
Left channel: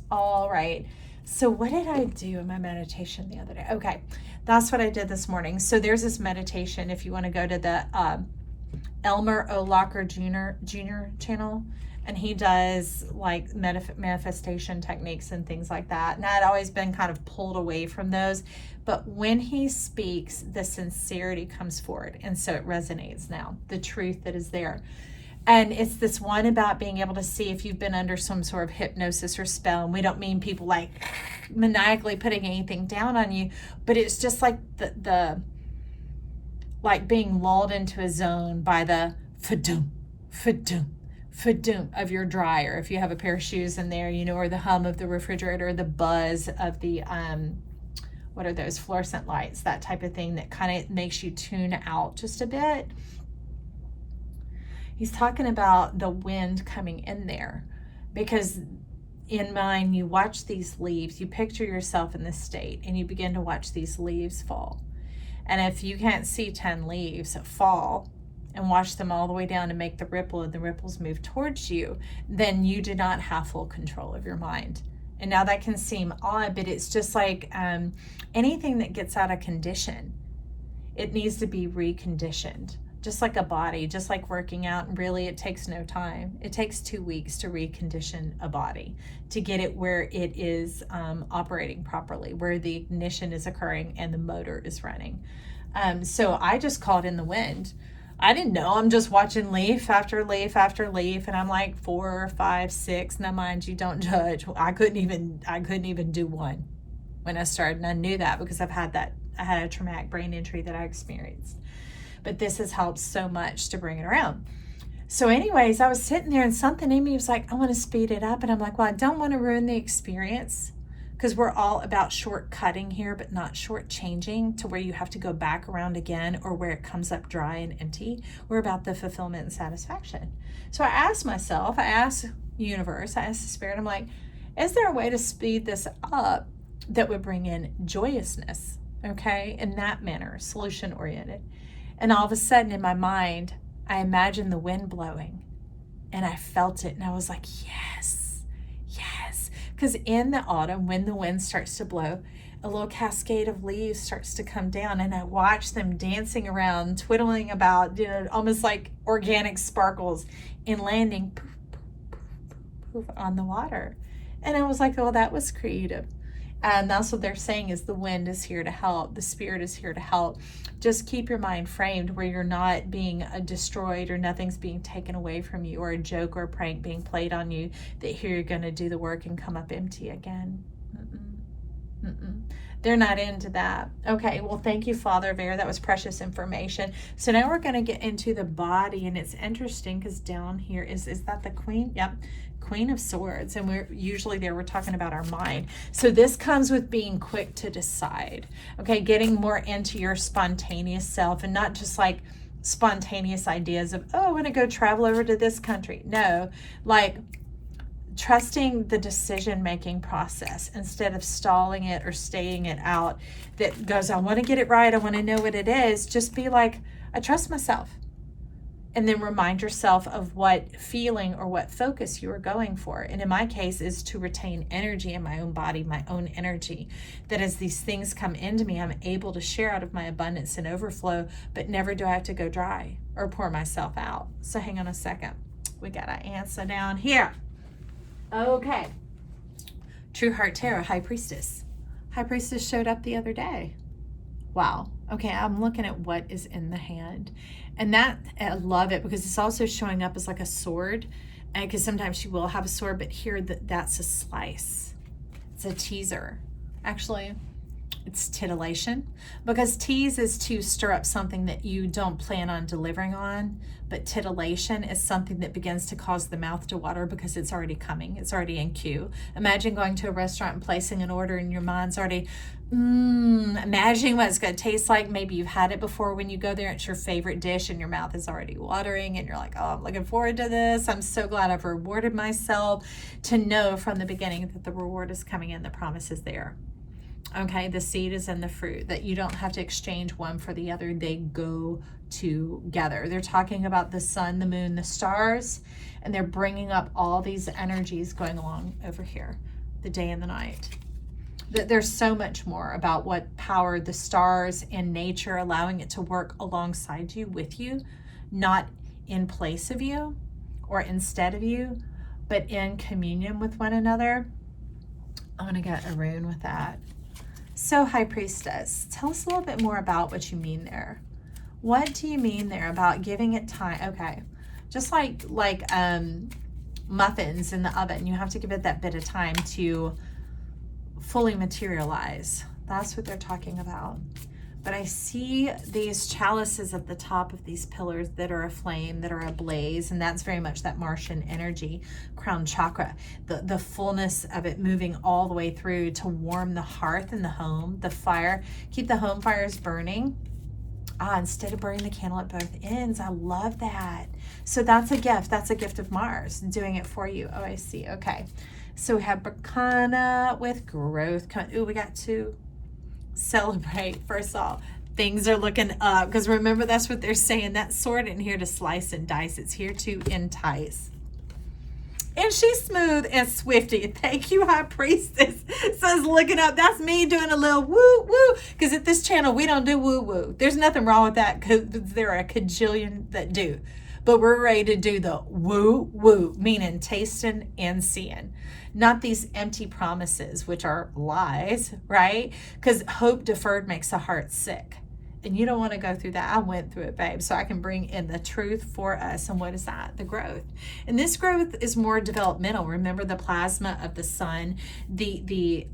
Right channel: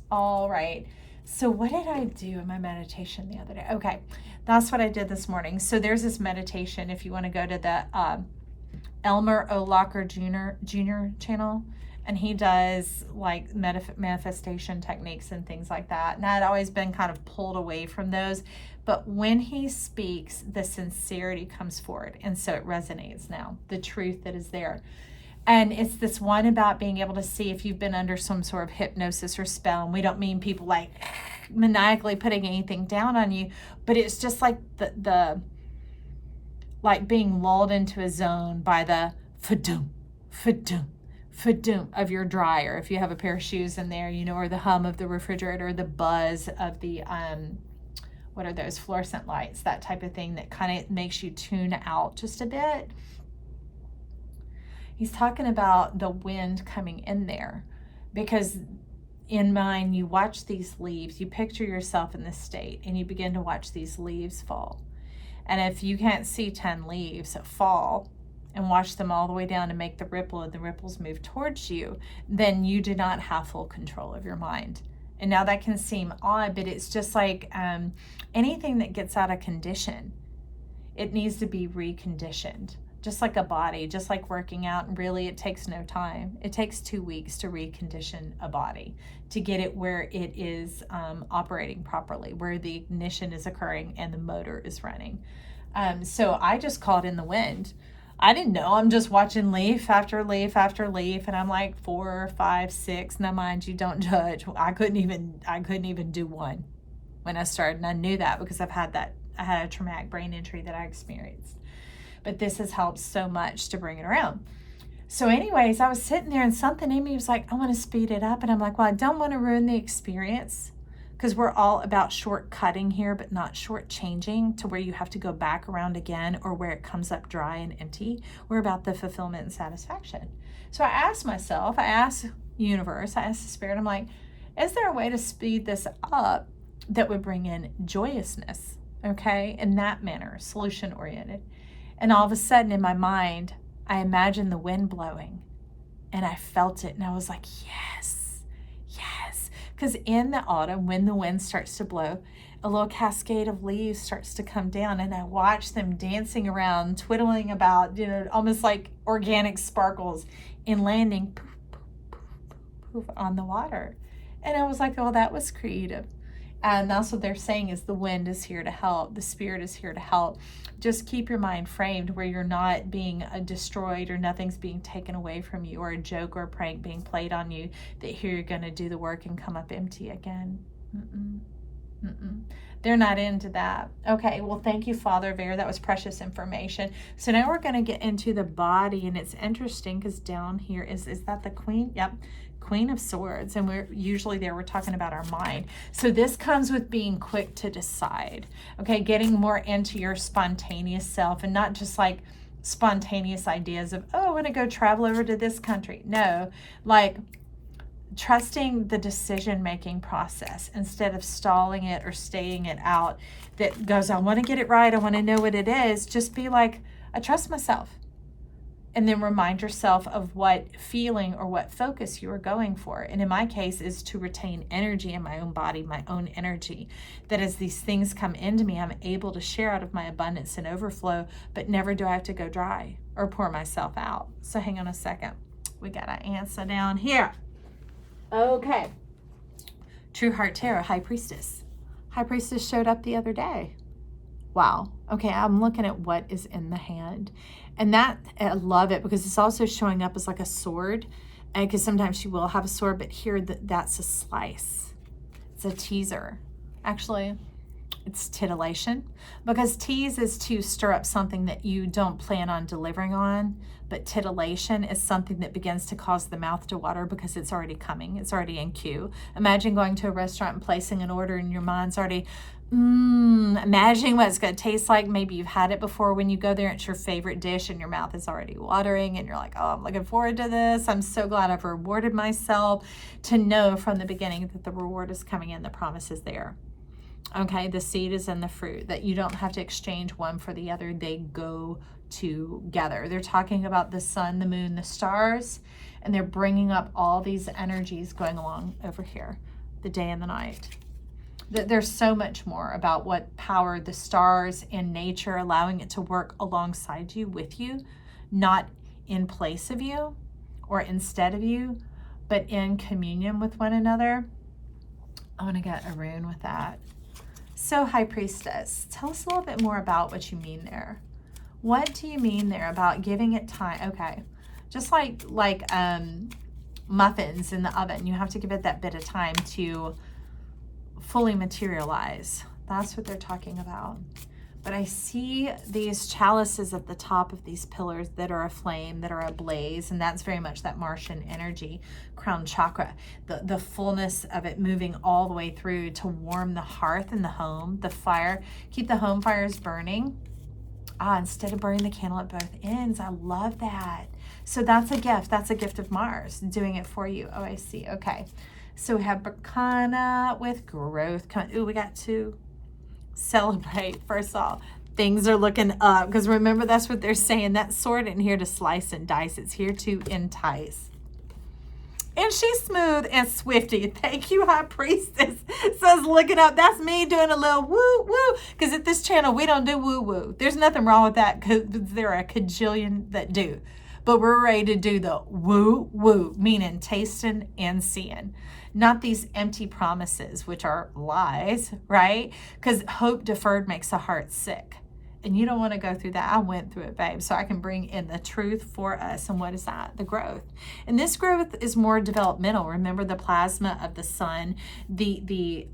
All right. So what did I do in my meditation the other day? Okay, that's what I did this morning. So there's this meditation. If you want to go to the Elmer O. Locker Jr. channel, and he does like manifestation techniques and things like that. And I'd always been kind of pulled away from those. But when he speaks, the sincerity comes forward. And so it resonates now, the truth that is there. And it's this one about being able to see if you've been under some sort of hypnosis or spell. And we don't mean people like maniacally putting anything down on you, but it's just like the like being lulled into a zone by the fa-doom, fa-doom, fa-doom of your dryer. If you have a pair of shoes in there, you know, or the hum of the refrigerator, or the buzz of the, what are those, fluorescent lights, that type of thing that kind of makes you tune out just a bit. He's talking about the wind coming in there, because in mind, you watch these leaves, you picture yourself in this state, and you begin to watch these leaves fall. And if you can't see 10 leaves fall and watch them all the way down and make the ripple, and the ripples move towards you, then you do not have full control of your mind. And now that can seem odd, but it's just like anything that gets out of condition, it needs to be reconditioned. Just like a body, just like working out, and really it takes no time. It takes 2 weeks to recondition a body, to get it where it is operating properly, where the ignition is occurring and the motor is running. So I just called in the wind. I didn't know. I'm just watching leaf after leaf after leaf, and I'm like 4, 5, 6. Now, mind you, don't judge. I couldn't even do one when I started, and I knew that because I had a traumatic brain injury that I experienced. But this has helped so much to bring it around. So anyways, I was sitting there and something in me was like, I want to speed it up. And I'm like, well, I don't want to ruin the experience, because we're all about shortcutting here, but not shortchanging to where you have to go back around again, or where it comes up dry and empty. We're about the fulfillment and satisfaction. So I asked myself, I asked the universe, I asked the spirit, I'm like, is there a way to speed this up that would bring in joyousness? Okay, in that manner, solution oriented. And all of a sudden in my mind, I imagined the wind blowing, and I felt it, and I was like, yes, yes. Because in the autumn, when the wind starts to blow, a little cascade of leaves starts to come down, and I watch them dancing around, twiddling about, you know, almost like organic sparkles, and landing poof, poof, poof, poof, poof on the water. And I was like, oh, that was creative. And that's what they're saying, is the wind is here to help. The spirit is here to help. Just keep your mind framed where you're not being destroyed, or nothing's being taken away from you, or a joke or a prank being played on you, that here you're going to do the work and come up empty again. They're not into that. Okay, well, thank you, Father of Air. That was precious information. So now we're going to get into the body, and it's interesting because down here is that the Queen? Yep. Queen of Swords, and we're talking about our mind. So this comes with being quick to decide, okay, getting more into your spontaneous self, and not just like spontaneous ideas of, oh, I want to go travel over to this country. No, like trusting the decision-making process instead of stalling it or staying it out, that goes, I want to get it right, I want to know what it is. Just be like, I trust myself. And then remind yourself of what feeling or what focus you are going for. And in my case is to retain energy in my own body, my own energy. That as these things come into me, I'm able to share out of my abundance and overflow, but never do I have to go dry or pour myself out. So hang on a second. We got our answer down here. Okay. True Heart Tarot, High Priestess. High Priestess showed up the other day. Wow. Okay, I'm looking at what is in the hand. And that, I love it because it's also showing up as like a sword. And because sometimes she will have a sword, but here that's a slice. It's a teaser. Actually, it's titillation. Because tease is to stir up something that you don't plan on delivering on. But titillation is something that begins to cause the mouth to water because it's already coming. It's already in queue. Imagine going to a restaurant and placing an order and your mind's already, imagining what it's going to taste like. Maybe you've had it before when you go there. It's your favorite dish and your mouth is already watering and you're like, oh, I'm looking forward to this. I'm so glad I've rewarded myself, to know from the beginning that the reward is coming in. The promise is there. Okay, the seed is in the fruit, that you don't have to exchange one for the other. They go together. They're talking about the sun, the moon, the stars, and they're bringing up all these energies going along over here, the day and the night. There's so much more about what power the stars and nature, allowing it to work alongside you, with you, not in place of you or instead of you, but in communion with one another. I'm going to get a rune with that. So, High Priestess, tell us a little bit more about what you mean there. What do you mean there about giving it time? Okay, just like muffins in the oven, you have to give it that bit of time to fully materialize. That's what they're talking about. But I see these chalices at the top of these pillars that are aflame, that are ablaze, and that's very much that Martian energy, crown chakra, the fullness of it moving all the way through to warm the hearth in the home, the fire, keep the home fires burning. Instead of burning the candle at both ends. I love that. So that's a gift. That's a gift of Mars doing it for you. Oh, I see. Okay. So we have Bacana with growth coming. Ooh, we got to celebrate. First of all, things are looking up, because remember, that's what they're saying. That sword isn't here to slice and dice. It's here to entice. And she's smooth and swifty. Thank you, High Priestess. Says looking up. That's me doing a little woo woo. Because at this channel, we don't do woo woo. There's nothing wrong with that, because there are a cajillion that do. But we're ready to do the woo woo, meaning tasting and seeing. Not these empty promises, which are lies, right? Because hope deferred makes the heart sick. And you don't want to go through that. I went through it, babe. So I can bring in the truth for us. And what is that? The growth. And this growth is more developmental. Remember the plasma of the sun, the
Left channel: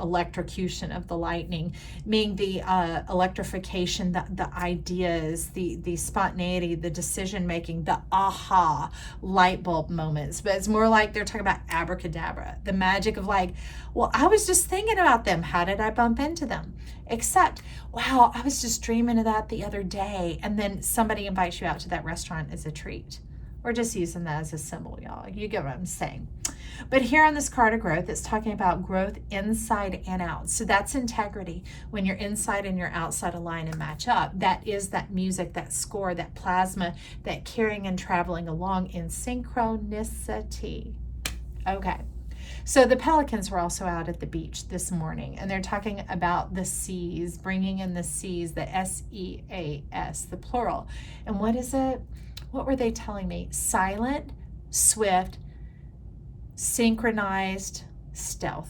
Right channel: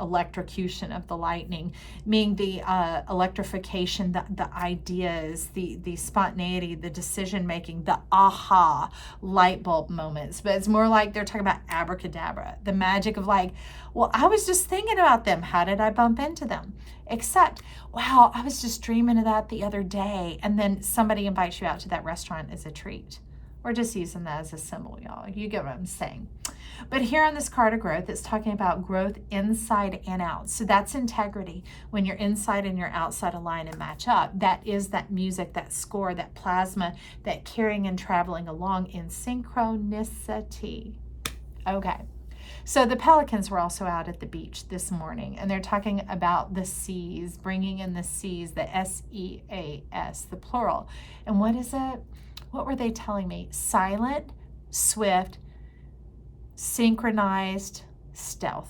electrocution of the lightning, meaning the electrification, the ideas, the spontaneity, the decision making, the aha light bulb moments. But it's more like they're talking about abracadabra, the magic of like, well, I was just thinking about them. How did I bump into them? Except, wow, I was just dreaming of that the other day. And then somebody invites you out to that restaurant as a treat. We're just using that as a symbol, y'all. You get what I'm saying. But here on this card of growth, it's talking about growth inside and out. So that's integrity. When your inside and your outside align and match up, that is that music, that score, that plasma, that carrying and traveling along in synchronicity. Okay. So the pelicans were also out at the beach this morning, and they're talking about the seas, bringing in the seas, the S-E-A-S, the plural. And what is it? What were they telling me? Silent, swift, synchronized stealth.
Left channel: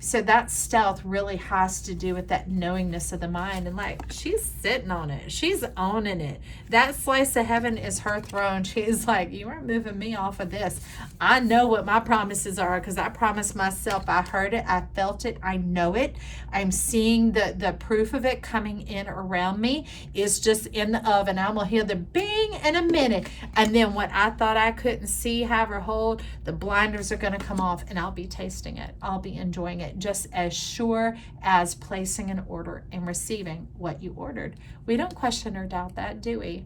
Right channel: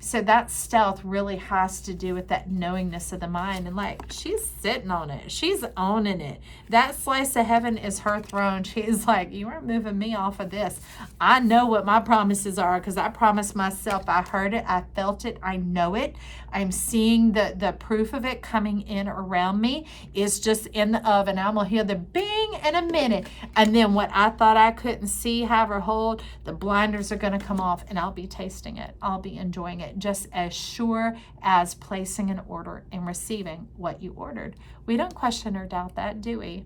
So that stealth really has to do with that knowingness of the mind. And like, she's sitting on it. She's owning it. That slice of heaven is her throne. She's like, you aren't moving me off of this. I know what my promises are, because I promised myself. I heard it. I felt it. I know it. I'm seeing the proof of it coming in around me. It's just in the oven. I'm going to hear the bing in a minute. And then what I thought I couldn't see, have or hold, the blinders are going to come off, and I'll be tasting it. I'll be enjoying it, just as sure as placing an order and receiving what you ordered. We don't question or doubt that, do we?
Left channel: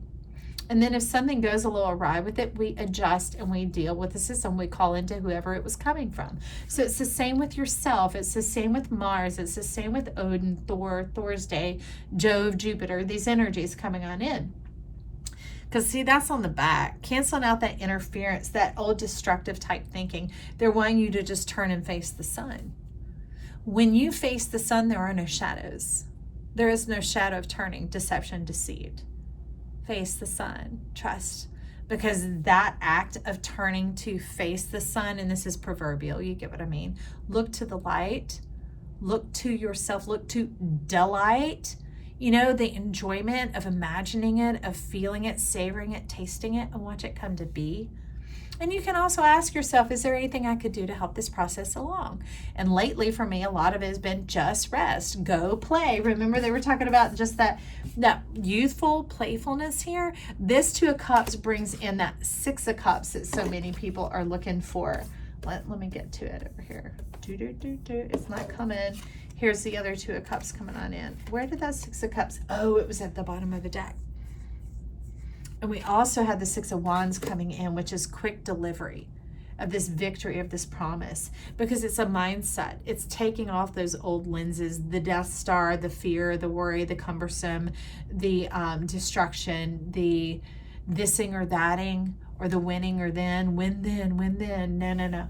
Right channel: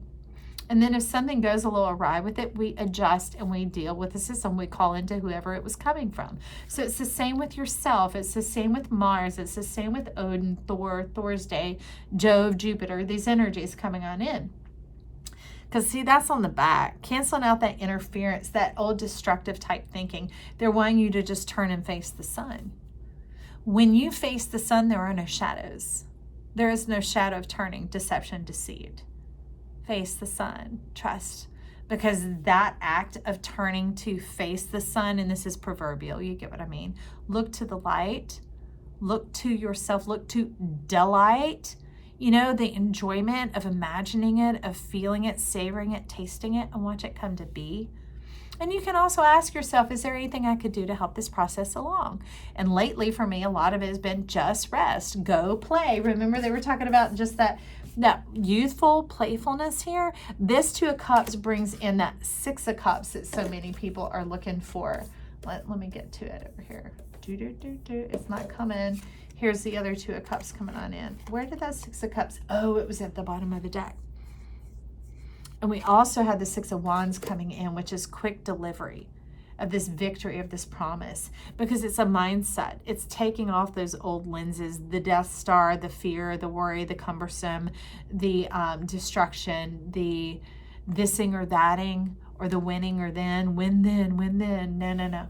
And then if something goes a little awry with it, we adjust and we deal with the system. We call into whoever it was coming from. So it's the same with yourself. It's the same with Mars. It's the same with Odin, Thor, Thor's day, Jove, Jupiter, these energies coming on in. Because see, that's on the back. Canceling out that interference, that old destructive type thinking. They're wanting you to just turn and face the sun. When you face the sun, there are no shadows. There is no shadow of turning, deception, deceit. Face the sun, trust. Because that act of turning to face the sun, and this is proverbial, you get what I mean. Look to the light. Look to yourself. Look to delight. You know, the enjoyment of imagining it, of feeling it, savoring it, tasting it, and watch it come to be. And you can also ask yourself, is there anything I could do to help this process along? And lately for me, a lot of it has been just rest, go play. Remember they were talking about just that youthful playfulness here. This Two of Cups brings in that Six of Cups that so many people are looking for. Let me get to it over here. It's not coming. Here's the other Two of Cups coming on in. Where did that Six of Cups? Oh, it was at the bottom of the deck. And we also had the Six of Wands coming in, which is quick delivery of this victory, of this promise, because it's a mindset. It's taking off those old lenses, the Death Star, the fear, the worry, the cumbersome, the destruction, the thising or thating, or the winning or then, when then. No.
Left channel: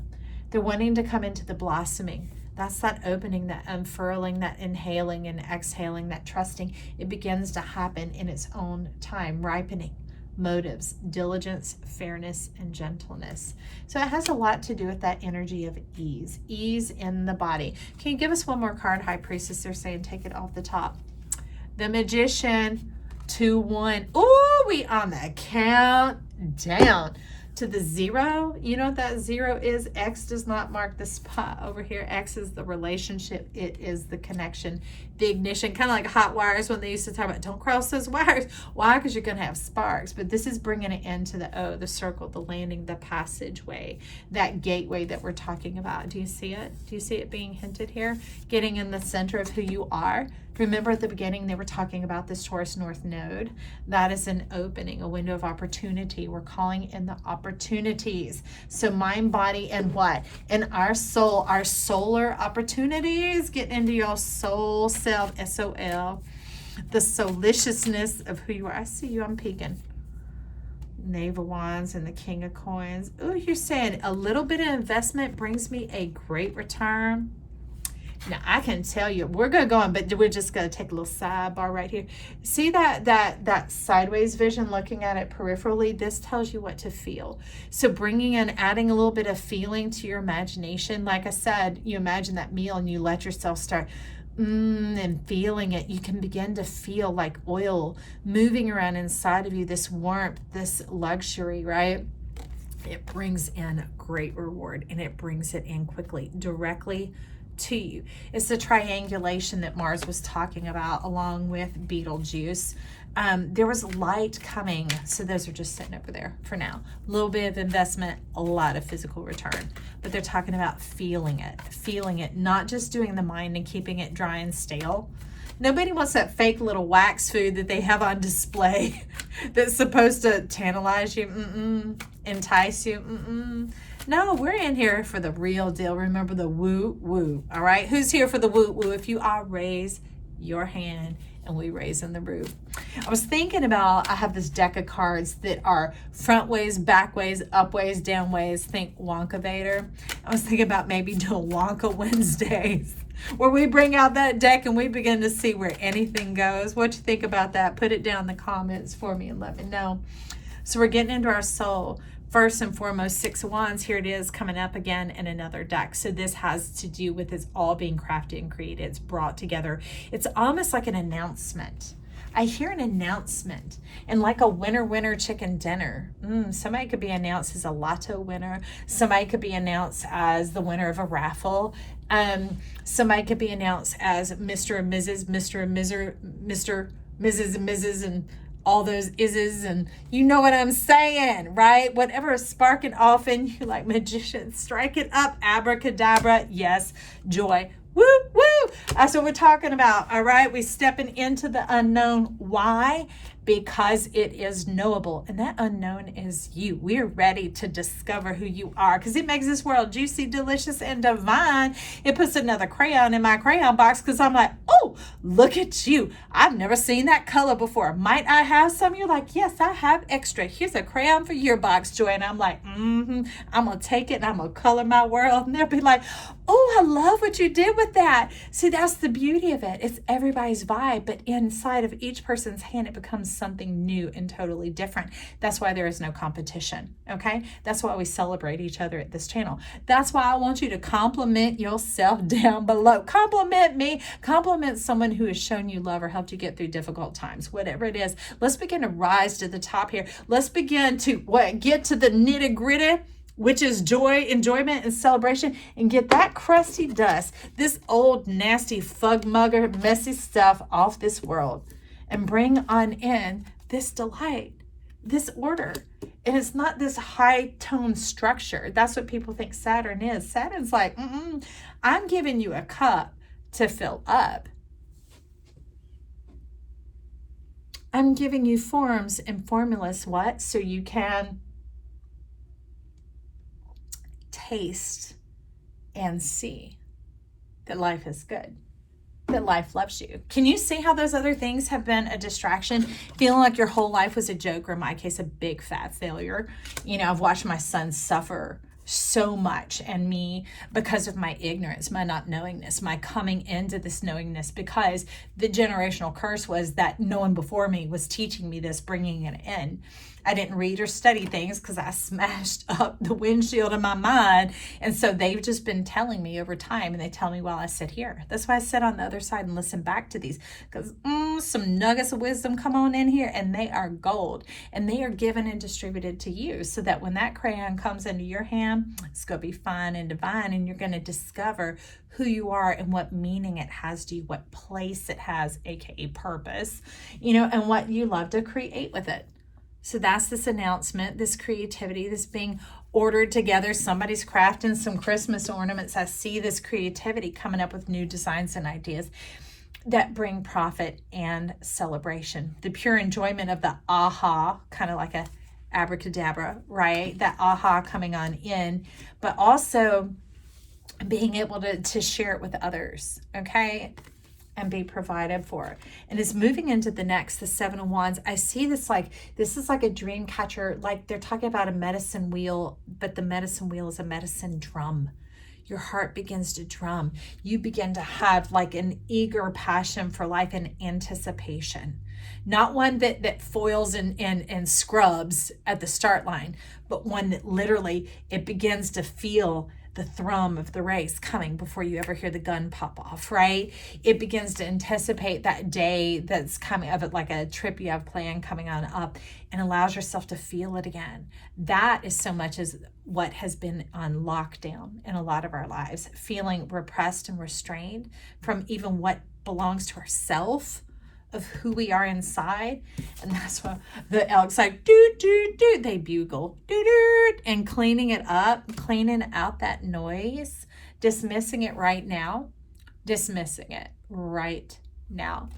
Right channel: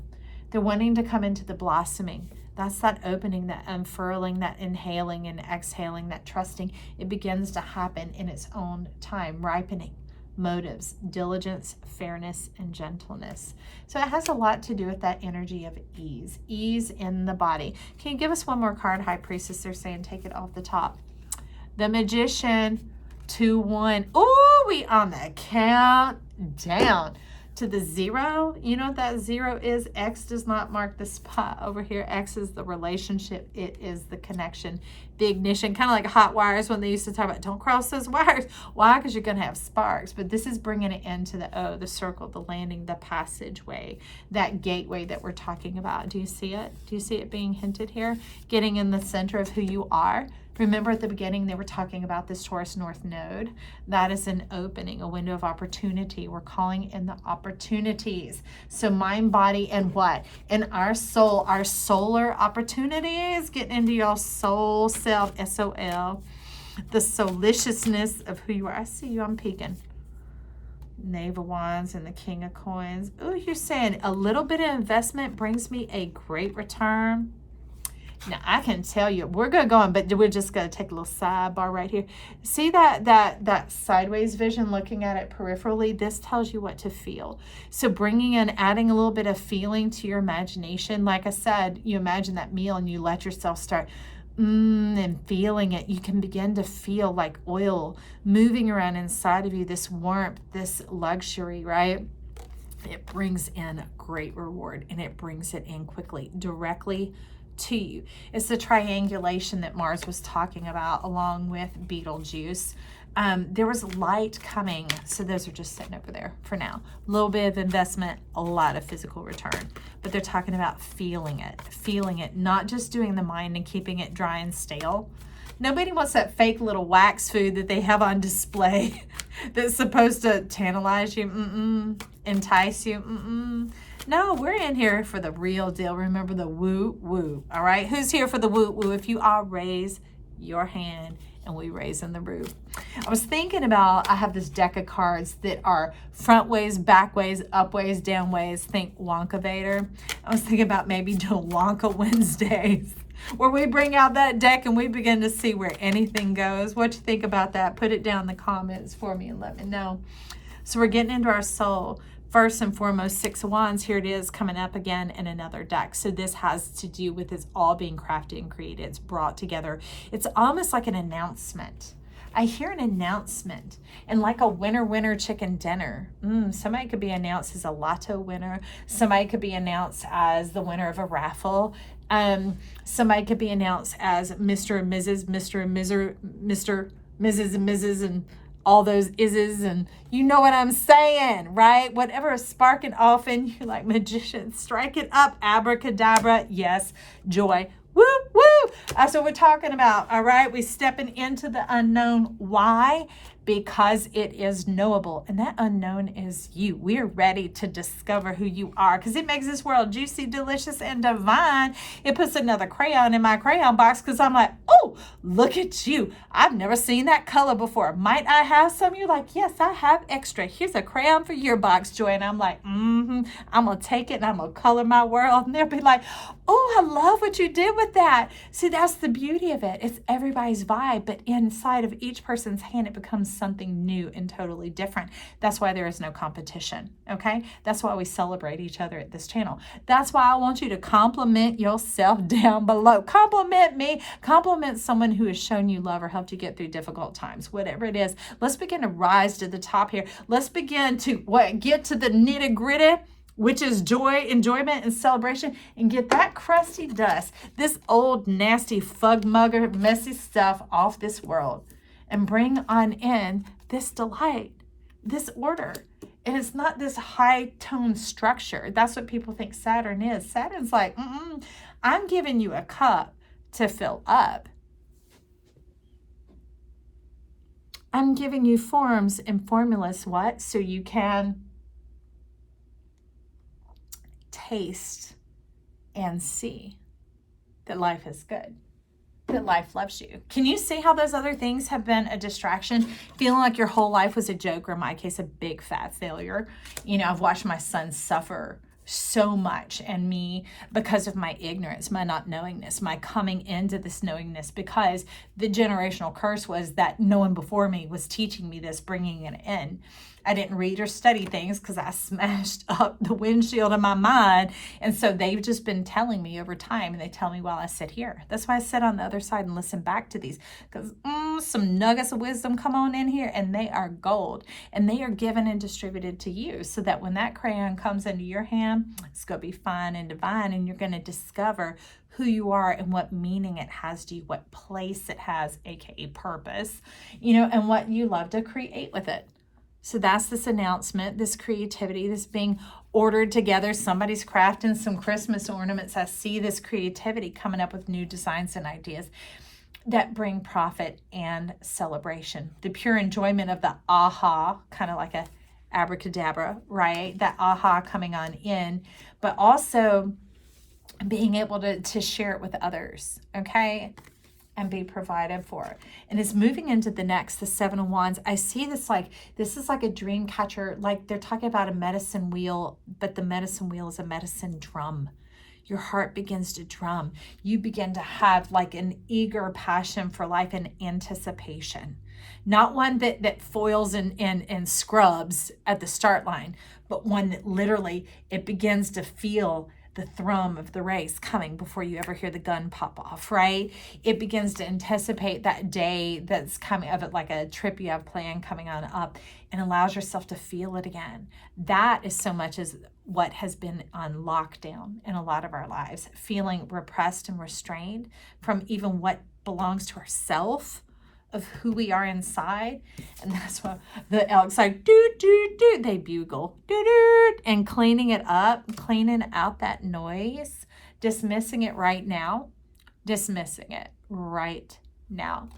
They're wanting to come into the blossoming. That's that opening, that unfurling, that inhaling and exhaling, that trusting. It begins to happen in its own time, ripening. Motives, diligence, fairness, and gentleness. So it has a lot to do with that energy of ease in the body. Can you give us one more card, High Priestess? They're saying take it off the top. The Magician, 2-1. Oh, we on the countdown to the 0. You know what that 0 is? X does not mark the spot over here. X is the relationship. It is the connection, the ignition, kind of like hot wires when they used to talk about don't cross those wires. Why? Because you're going to have sparks. But this is bringing it into the O, the circle, the landing, the passageway, that gateway that we're talking about. Do you see it? Do you see it being hinted here? Getting in the center of who you are. Remember at the beginning they were talking about this Taurus North Node. That is an opening, a window of opportunity. We're calling in the opportunities. So mind, body, and what? And our soul, our solar opportunities. Get into your soul self, S-O-L. The souliciousness of who you are. I see you, I'm peeking. Knave of Wands and the King of Coins. Oh, you're saying a little bit of investment brings me a great return. Now, I can tell you, we're going to go on, but we're just going to take a little sidebar right here. See that sideways vision, looking at it peripherally? This tells you what to feel. So bringing in, adding a little bit of feeling to your imagination. Like I said, you imagine that meal and you let yourself start and feeling it. You can begin to feel like oil moving around inside of you, this warmth, this luxury, right? It brings in great reward, and it brings it in quickly, directly to you. It's the triangulation that Mars was talking about along with Betelgeuse. There was light coming, so those are just sitting over there for now. A little bit of investment, a lot of physical return, but they're talking about feeling it, not just doing the mind and keeping it dry and stale. Nobody wants that fake little wax food that they have on display that's supposed to tantalize you, entice you, No, we're in here for the real deal. Remember the woo-woo, all right? Who's here for the woo-woo? If you are, raise your hand, and we raise in the roof. I was thinking about, I have this deck of cards that are front ways, back ways, up ways, down ways. Think Wonka Vader. I was thinking about maybe doing Wonka Wednesdays, where we bring out that deck and we begin to see where anything goes. What you think about that? Put it down in the comments for me and let me know. So we're getting into our soul. First and foremost, Six of Wands, here it is coming up again in another deck. So this has to do with it's all being crafted and created. It's brought together. It's almost like an announcement. I hear an announcement, and like a winner chicken dinner. Somebody could be announced as a lotto winner. Somebody could be announced as the winner of a raffle. Somebody could be announced as Mr. and Mrs., Mr. and Mr., Mrs. and Mrs., and all those ises, and you know what I'm saying, right? Whatever is sparking off in you like magicians, strike it up, abracadabra, yes, joy, woo, woo. That's what we're talking about, all right? We're stepping into the unknown. Why? Because it is knowable, and that unknown is you. We're ready to discover who you are, because it makes this world juicy, delicious, and divine. It puts another crayon in my crayon box, because I'm like, oh, oh, look at you. I've never seen that color before. Might I have some? You're like, yes, I have extra. Here's a crayon for your box, Joy. And I'm like, I'm going to take it and I'm going to color my world. And they'll be like, oh, I love what you did with that. See, that's the beauty of it. It's everybody's vibe, but inside of each person's hand, it becomes something new and totally different. That's why there is no competition, okay? That's why we celebrate each other at this channel. That's why I want you to compliment yourself down below. Compliment me. Compliment someone who has shown you love or helped you get through difficult times, whatever it is. Let's begin to rise to the top here. Let's begin to get to the nitty gritty, which is joy, enjoyment, and celebration, and get that crusty dust, this old, nasty, fug-mugger, messy stuff off this world, and bring on in this delight, this order. And it's not this high-tone structure. That's what people think Saturn is. Saturn's like, I'm giving you a cup to fill up. I'm giving you forms and formulas, what? So you can taste and see that life is good, that life loves you. Can you see how those other things have been a distraction? Feeling like your whole life was a joke, or in my case, a big fat failure. You know, I've watched my son suffer so much, and me, because of my ignorance, my not knowingness, my coming into this knowingness, because the generational curse was that no one before me was teaching me this, bringing it in. I didn't read or study things because I smashed up the windshield of my mind. And so they've just been telling me over time, and they tell me while I sit here. That's why I sit on the other side and listen back to these, because some nuggets of wisdom come on in here, and they are gold, and they are given and distributed to you, so that when that crayon comes into your hand, it's going to be fine and divine, and you're going to discover who you are and what meaning it has to you, what place it has, aka purpose, you know, and what you love to create with it. So that's this announcement, this creativity, this being ordered together. Somebody's crafting some Christmas ornaments. I see this creativity coming up with new designs and ideas that bring profit and celebration. The pure enjoyment of the aha, kind of like a abracadabra, right? That aha coming on in, but also being able to share it with others, okay? And be provided for. And it's moving into the next, the Seven of Wands. I see this like, this is like a dream catcher. Like they're talking about a medicine wheel, but the medicine wheel is a medicine drum. Your heart begins to drum. You begin to have like an eager passion for life and anticipation. Not one that foils and scrubs at the start line, but one that literally, it begins to feel the thrum of the race coming before you ever hear the gun pop off, right? It begins to anticipate that day that's coming, of it like a trip you have planned coming on up, and allows yourself to feel it again. That is so much as what has been on lockdown in a lot of our lives, feeling repressed and restrained from even what belongs to ourself, of who we are inside. And that's why the elks like doo doo doo, they bugle doo doo, and cleaning it up, cleaning out that noise, dismissing it right now, dismissing it right now.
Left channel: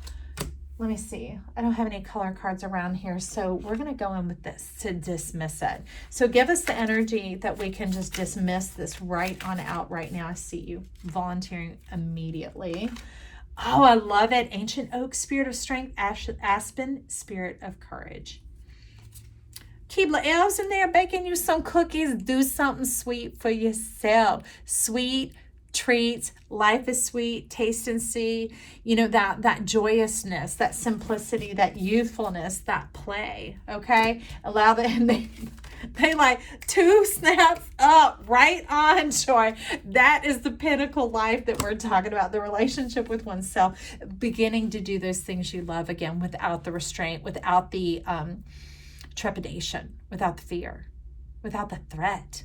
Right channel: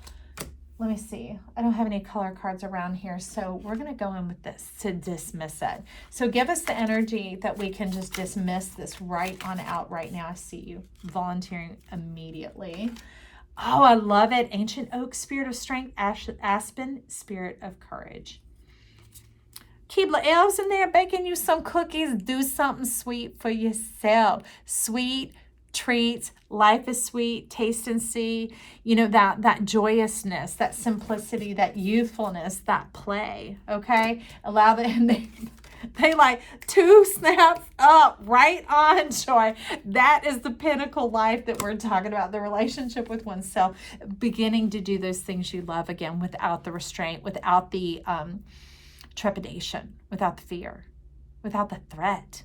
Let me see, I don't have any color cards around here, so we're going to go in with this to dismiss it. So give us the energy that we can just dismiss this right on out right now. I see you volunteering immediately. Oh, I love it. Ancient oak, spirit of strength. Aspen, spirit of courage. Keebler elves in there baking you some cookies. Do something sweet for yourself. Sweet treats. Life is sweet. Taste and see. You know, that joyousness, that simplicity, that youthfulness, that play. Okay? Allow them. They like 2 snaps up, right on, Joy. That is the pinnacle life that we're talking about, the relationship with oneself, beginning to do those things you love again without the restraint, without the trepidation, without the fear, without the threat.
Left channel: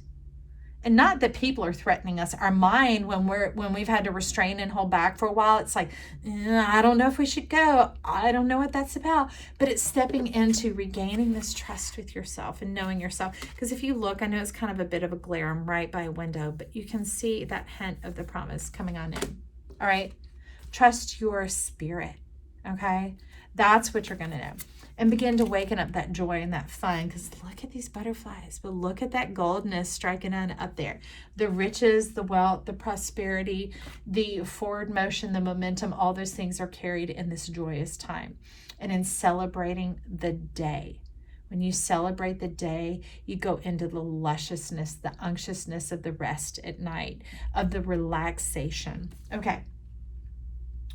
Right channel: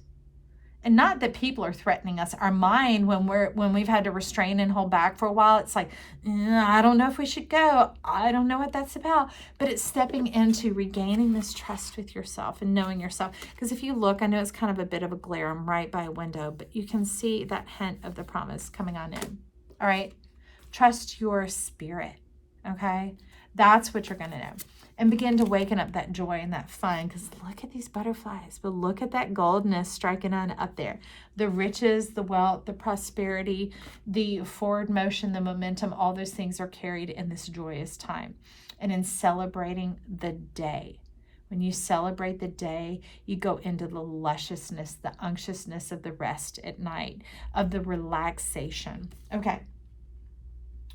And not that people are threatening us. Our mind, when we've had to restrain and hold back for a while, it's like, I don't know if we should go. I don't know what that's about. But it's stepping into regaining this trust with yourself and knowing yourself. Because if you look, I know it's kind of a bit of a glare. I'm right by a window, but you can see that hint of the promise coming on in. All right. Trust your spirit. Okay. That's what you're going to know. and begin to waken up that joy and that fun. Because look at these butterflies, but look at that goldness striking on up there. The riches, the wealth, the prosperity, the forward motion, the momentum, all those things are carried in this joyous time. And in celebrating the day. When you celebrate the day, you go into the lusciousness, the unctuousness of the rest at night, of the relaxation. Okay.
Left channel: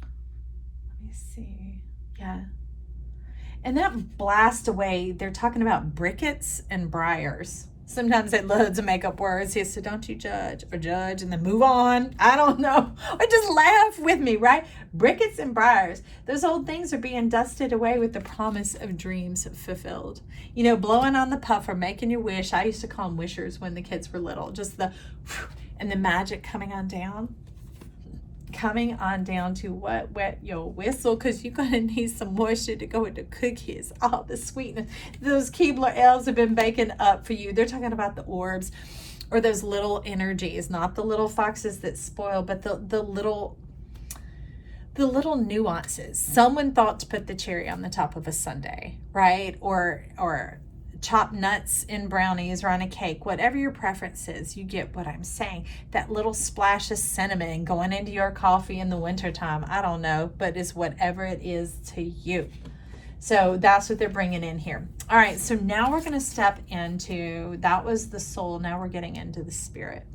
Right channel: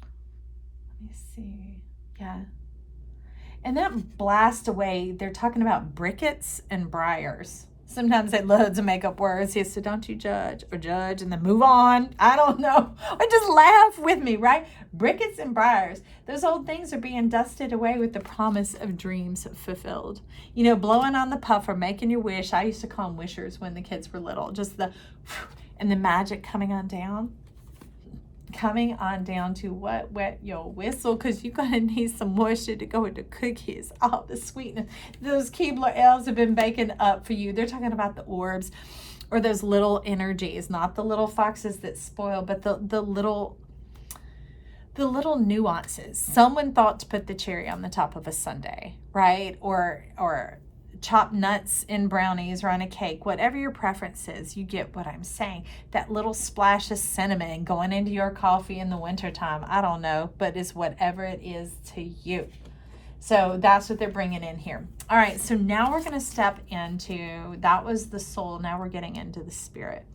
Let me see. Yeah. And that blast away, they're talking about briquettes and briars. Sometimes they love to make up words. He said, don't you judge or judge and then move on. I don't know. Or just laugh with me, right? Briquettes and briars. Those old things are being dusted away with the promise of dreams fulfilled. You know, blowing on the puffer, making you wish. I used to call them wishers when the kids were little. Just the, and the magic coming on down. Coming on down to what? Wet your whistle, because you're going to need some moisture to go with the cookies. All the sweetness. Those Keebler elves have been baking up for you. They're talking about the orbs or those little energies, not the little foxes that spoil, but the little nuances. Someone thought to put the cherry on the top of a sundae, right? Or chopped nuts in brownies or on a cake, whatever your preference is, you get what I'm saying. That little splash of cinnamon going into your coffee in the wintertime, I don't know, but it's whatever it is to you. So that's what they're bringing in here. All right, so now we're going to step into, that was the soul, now we're getting into the spirit.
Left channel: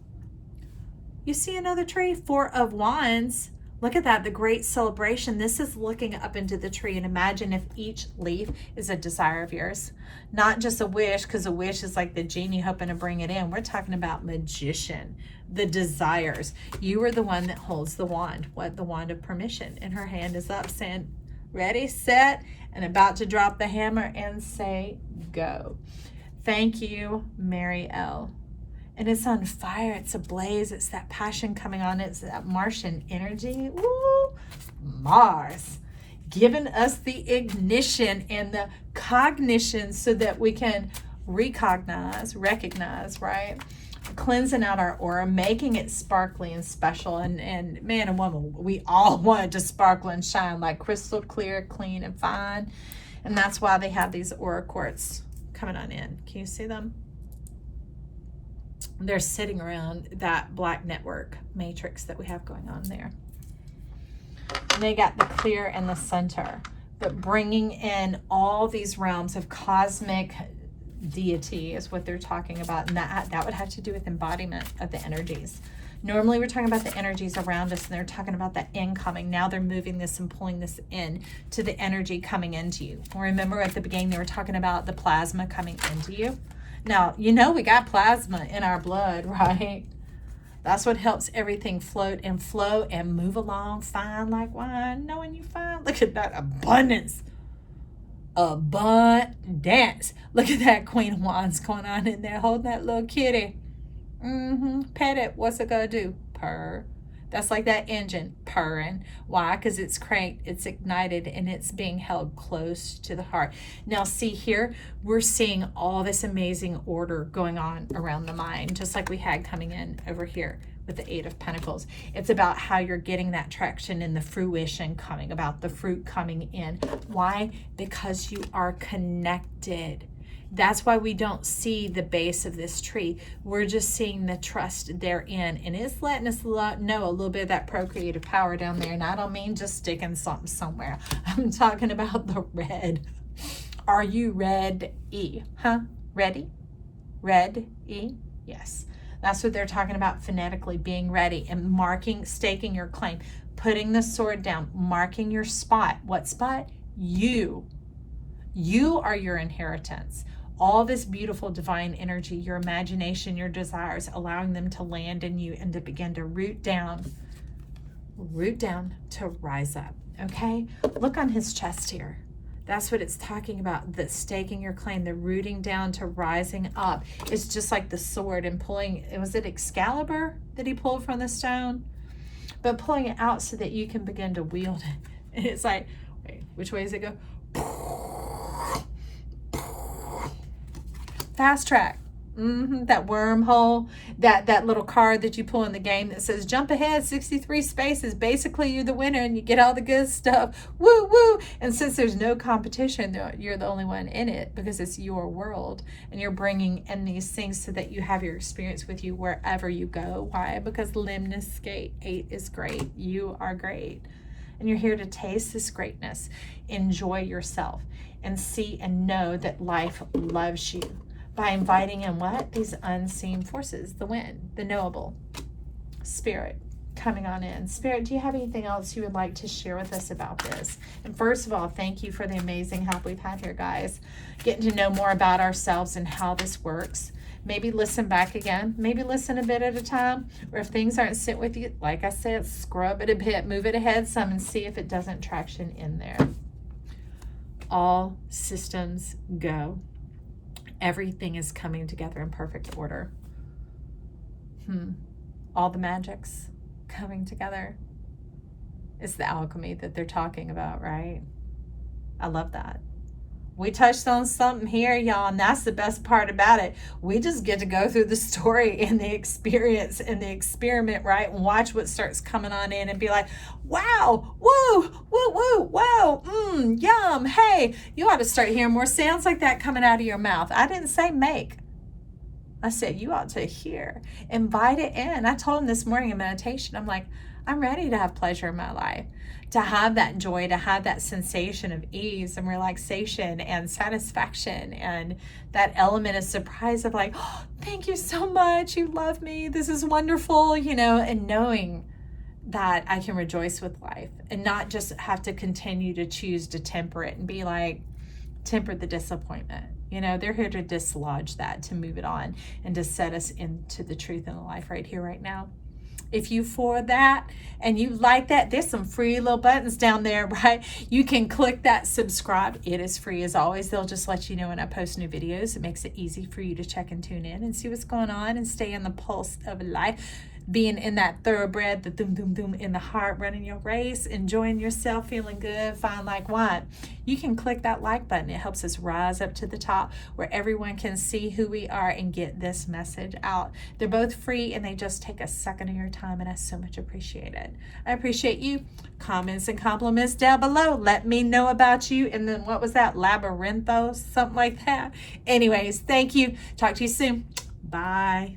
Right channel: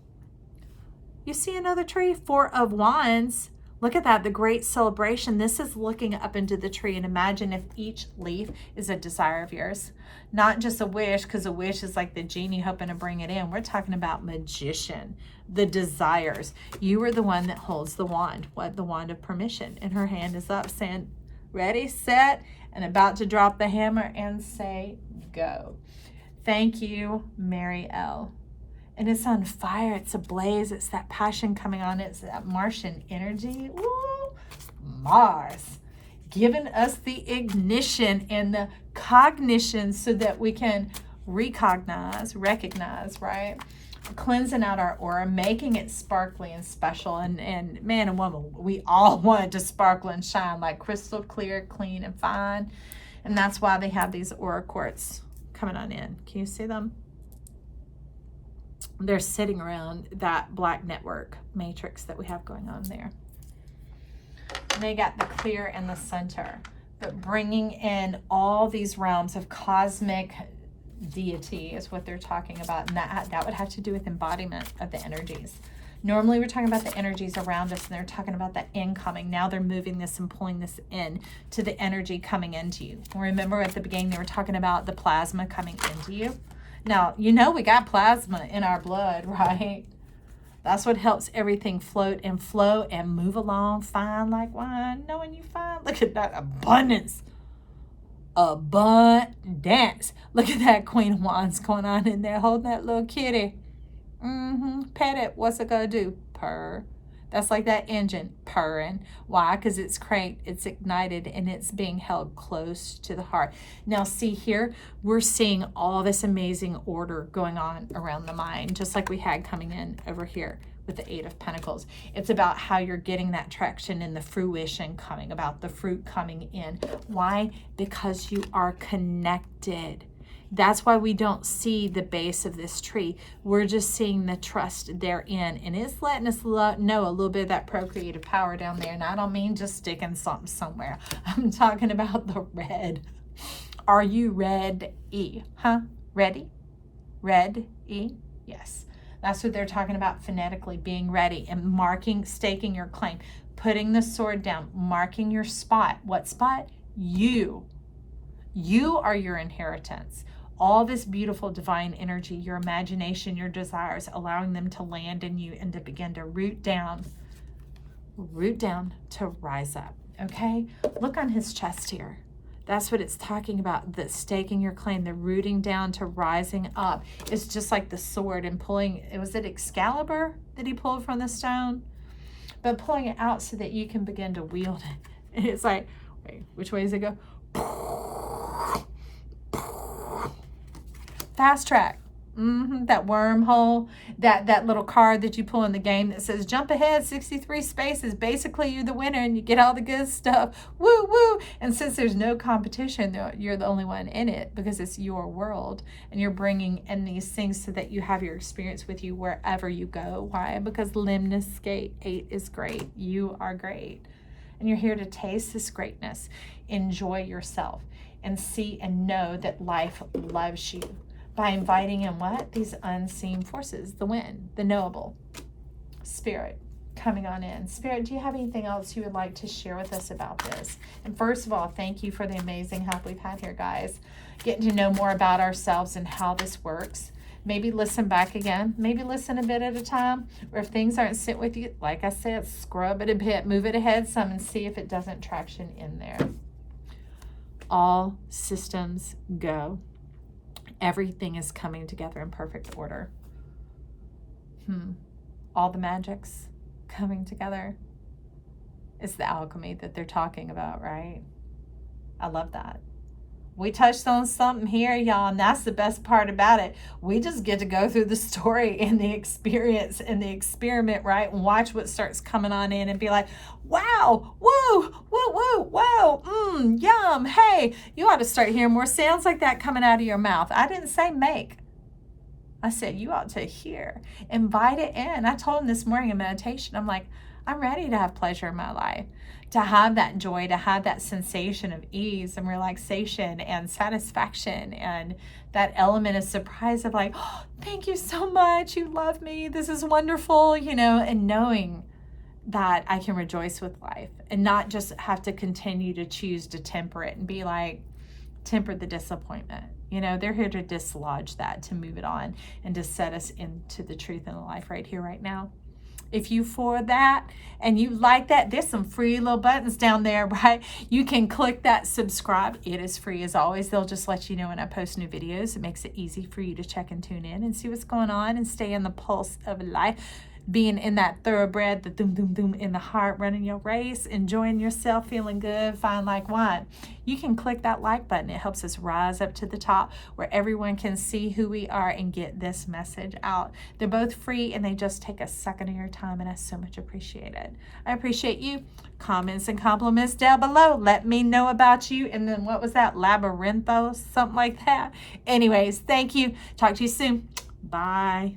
You see another tree, 4 of Wands. Look at that, the great celebration. This is looking up into the tree, and imagine if each leaf is a desire of yours. Not just a wish, because a wish is like the genie hoping to bring it in. We're talking about magician, the desires. You are the one that holds the wand. What? The wand of permission. And her hand is up saying, ready, set, and about to drop the hammer and say, go. Thank you, Mary L. And it's on fire. It's ablaze. It's that passion coming on. It's that Martian energy. Woo! Mars. Giving us the ignition and the cognition so that we can recognize, right? Cleansing out our aura, making it sparkly and special. And man and woman, we all want it to sparkle and shine like crystal clear, clean, and fine. And that's why they have these aura quartz coming on in. Can you see them? They're sitting around that black network matrix that we have going on there. And they got the clear in the center, but bringing in all these realms of cosmic deity is what they're talking about. And that would have to do with embodiment of the energies. Normally we're talking about the energies around us, and they're talking about that incoming. Now they're moving this and pulling this in to the energy coming into you. Remember at the beginning they were talking about the plasma coming into you. Now, you know we got plasma in our blood, right? That's what helps everything float and flow and move along fine like wine. Knowing you fine. Look at that abundance. Abundance. Look at that Queen of Wands going on in there holding that little kitty. Pet it. What's it going to do? Purr. That's like that engine purring. Why? Because it's cranked, it's ignited, and it's being held close to the heart. Now see here, we're seeing all this amazing order going on around the mind, just like we had coming in over here with the 8 of Pentacles. It's about how you're getting that traction and the fruition coming, about the fruit coming in. Why? Because you are connected. That's why we don't see the base of this tree. We're just seeing the trust therein. And it's letting us know a little bit of that procreative power down there. And I don't mean just sticking something somewhere. I'm talking about the red. Are you ready? Huh? Ready? Ready? Yes. That's what they're talking about phonetically, being ready and marking, staking your claim, putting the sword down, marking your spot. What spot? You. You are your inheritance. All this beautiful divine energy, your imagination, your desires, allowing them to land in you and to begin to root down to rise up. Okay? Look on his chest here. That's what it's talking about, the staking your claim, the rooting down to rising up. It's just like the sword and pulling, was it Excalibur that he pulled from the stone? But pulling it out so that you can begin to wield it. And it's like, wait, which way does it go? Fast track. That wormhole, that little card that you pull in the game that says jump ahead 63 spaces. Basically, you're the winner and you get all the good stuff. Woo, woo. And since there's no competition, you're the only one in it because it's your world. And you're bringing in these things so that you have your experience with you wherever you go. Why? Because Lemniscate 8 is great. You are great. And you're here to taste this greatness. Enjoy yourself and see and know that life loves you. By inviting in what? These unseen forces, the wind, the knowable, spirit coming on in. Spirit, do you have anything else you would like to share with us about this? And first of all, thank you for the amazing help we've had here, guys. Getting to know more about ourselves and how this works. Maybe listen back again. Maybe listen a bit at a time. Or if things aren't sitting with you, like I said, scrub it a bit, move it ahead some and see if it doesn't traction in there. All systems go. Everything is coming together in perfect order. All the magics coming together. It's the alchemy that they're talking about, right? I love that. We touched on something here, y'all, and that's the best part about it. We just get to go through the story and the experience and the experiment, right? And watch what starts coming on in and be like, wow, woo, woo, woo, wow, yum, hey. You ought to start hearing more sounds like that coming out of your mouth. I didn't say make. I said you ought to hear. Invite it in. I told him this morning in meditation, I'm like, I'm ready to have pleasure in my life. To have that joy, to have that sensation of ease and relaxation and satisfaction and that element of surprise of like, oh, thank you so much. You love me. This is wonderful, and knowing that I can rejoice with life and not just have to continue to choose to temper it and be like, temper the disappointment. They're here to dislodge that, to move it on and to set us into the truth in the life right here, right now. If you for that and you like that, there's some free little buttons down there, right? You can click that subscribe. It is free as always. They'll just let you know when I post new videos. It makes it easy for you to check and tune in and see what's going on and stay in the pulse of life. Being in that thoroughbred, the doom, doom, doom in the heart, running your race, enjoying yourself, feeling good, fine like wine. You can click that like button. It helps us rise up to the top where everyone can see who we are and get this message out. They're both free and they just take a second of your time, and I so much appreciate it. I appreciate you. Comments and compliments down below. Let me know about you. And then what was that? Labyrinthos? Something like that. Anyways, thank you. Talk to you soon. Bye.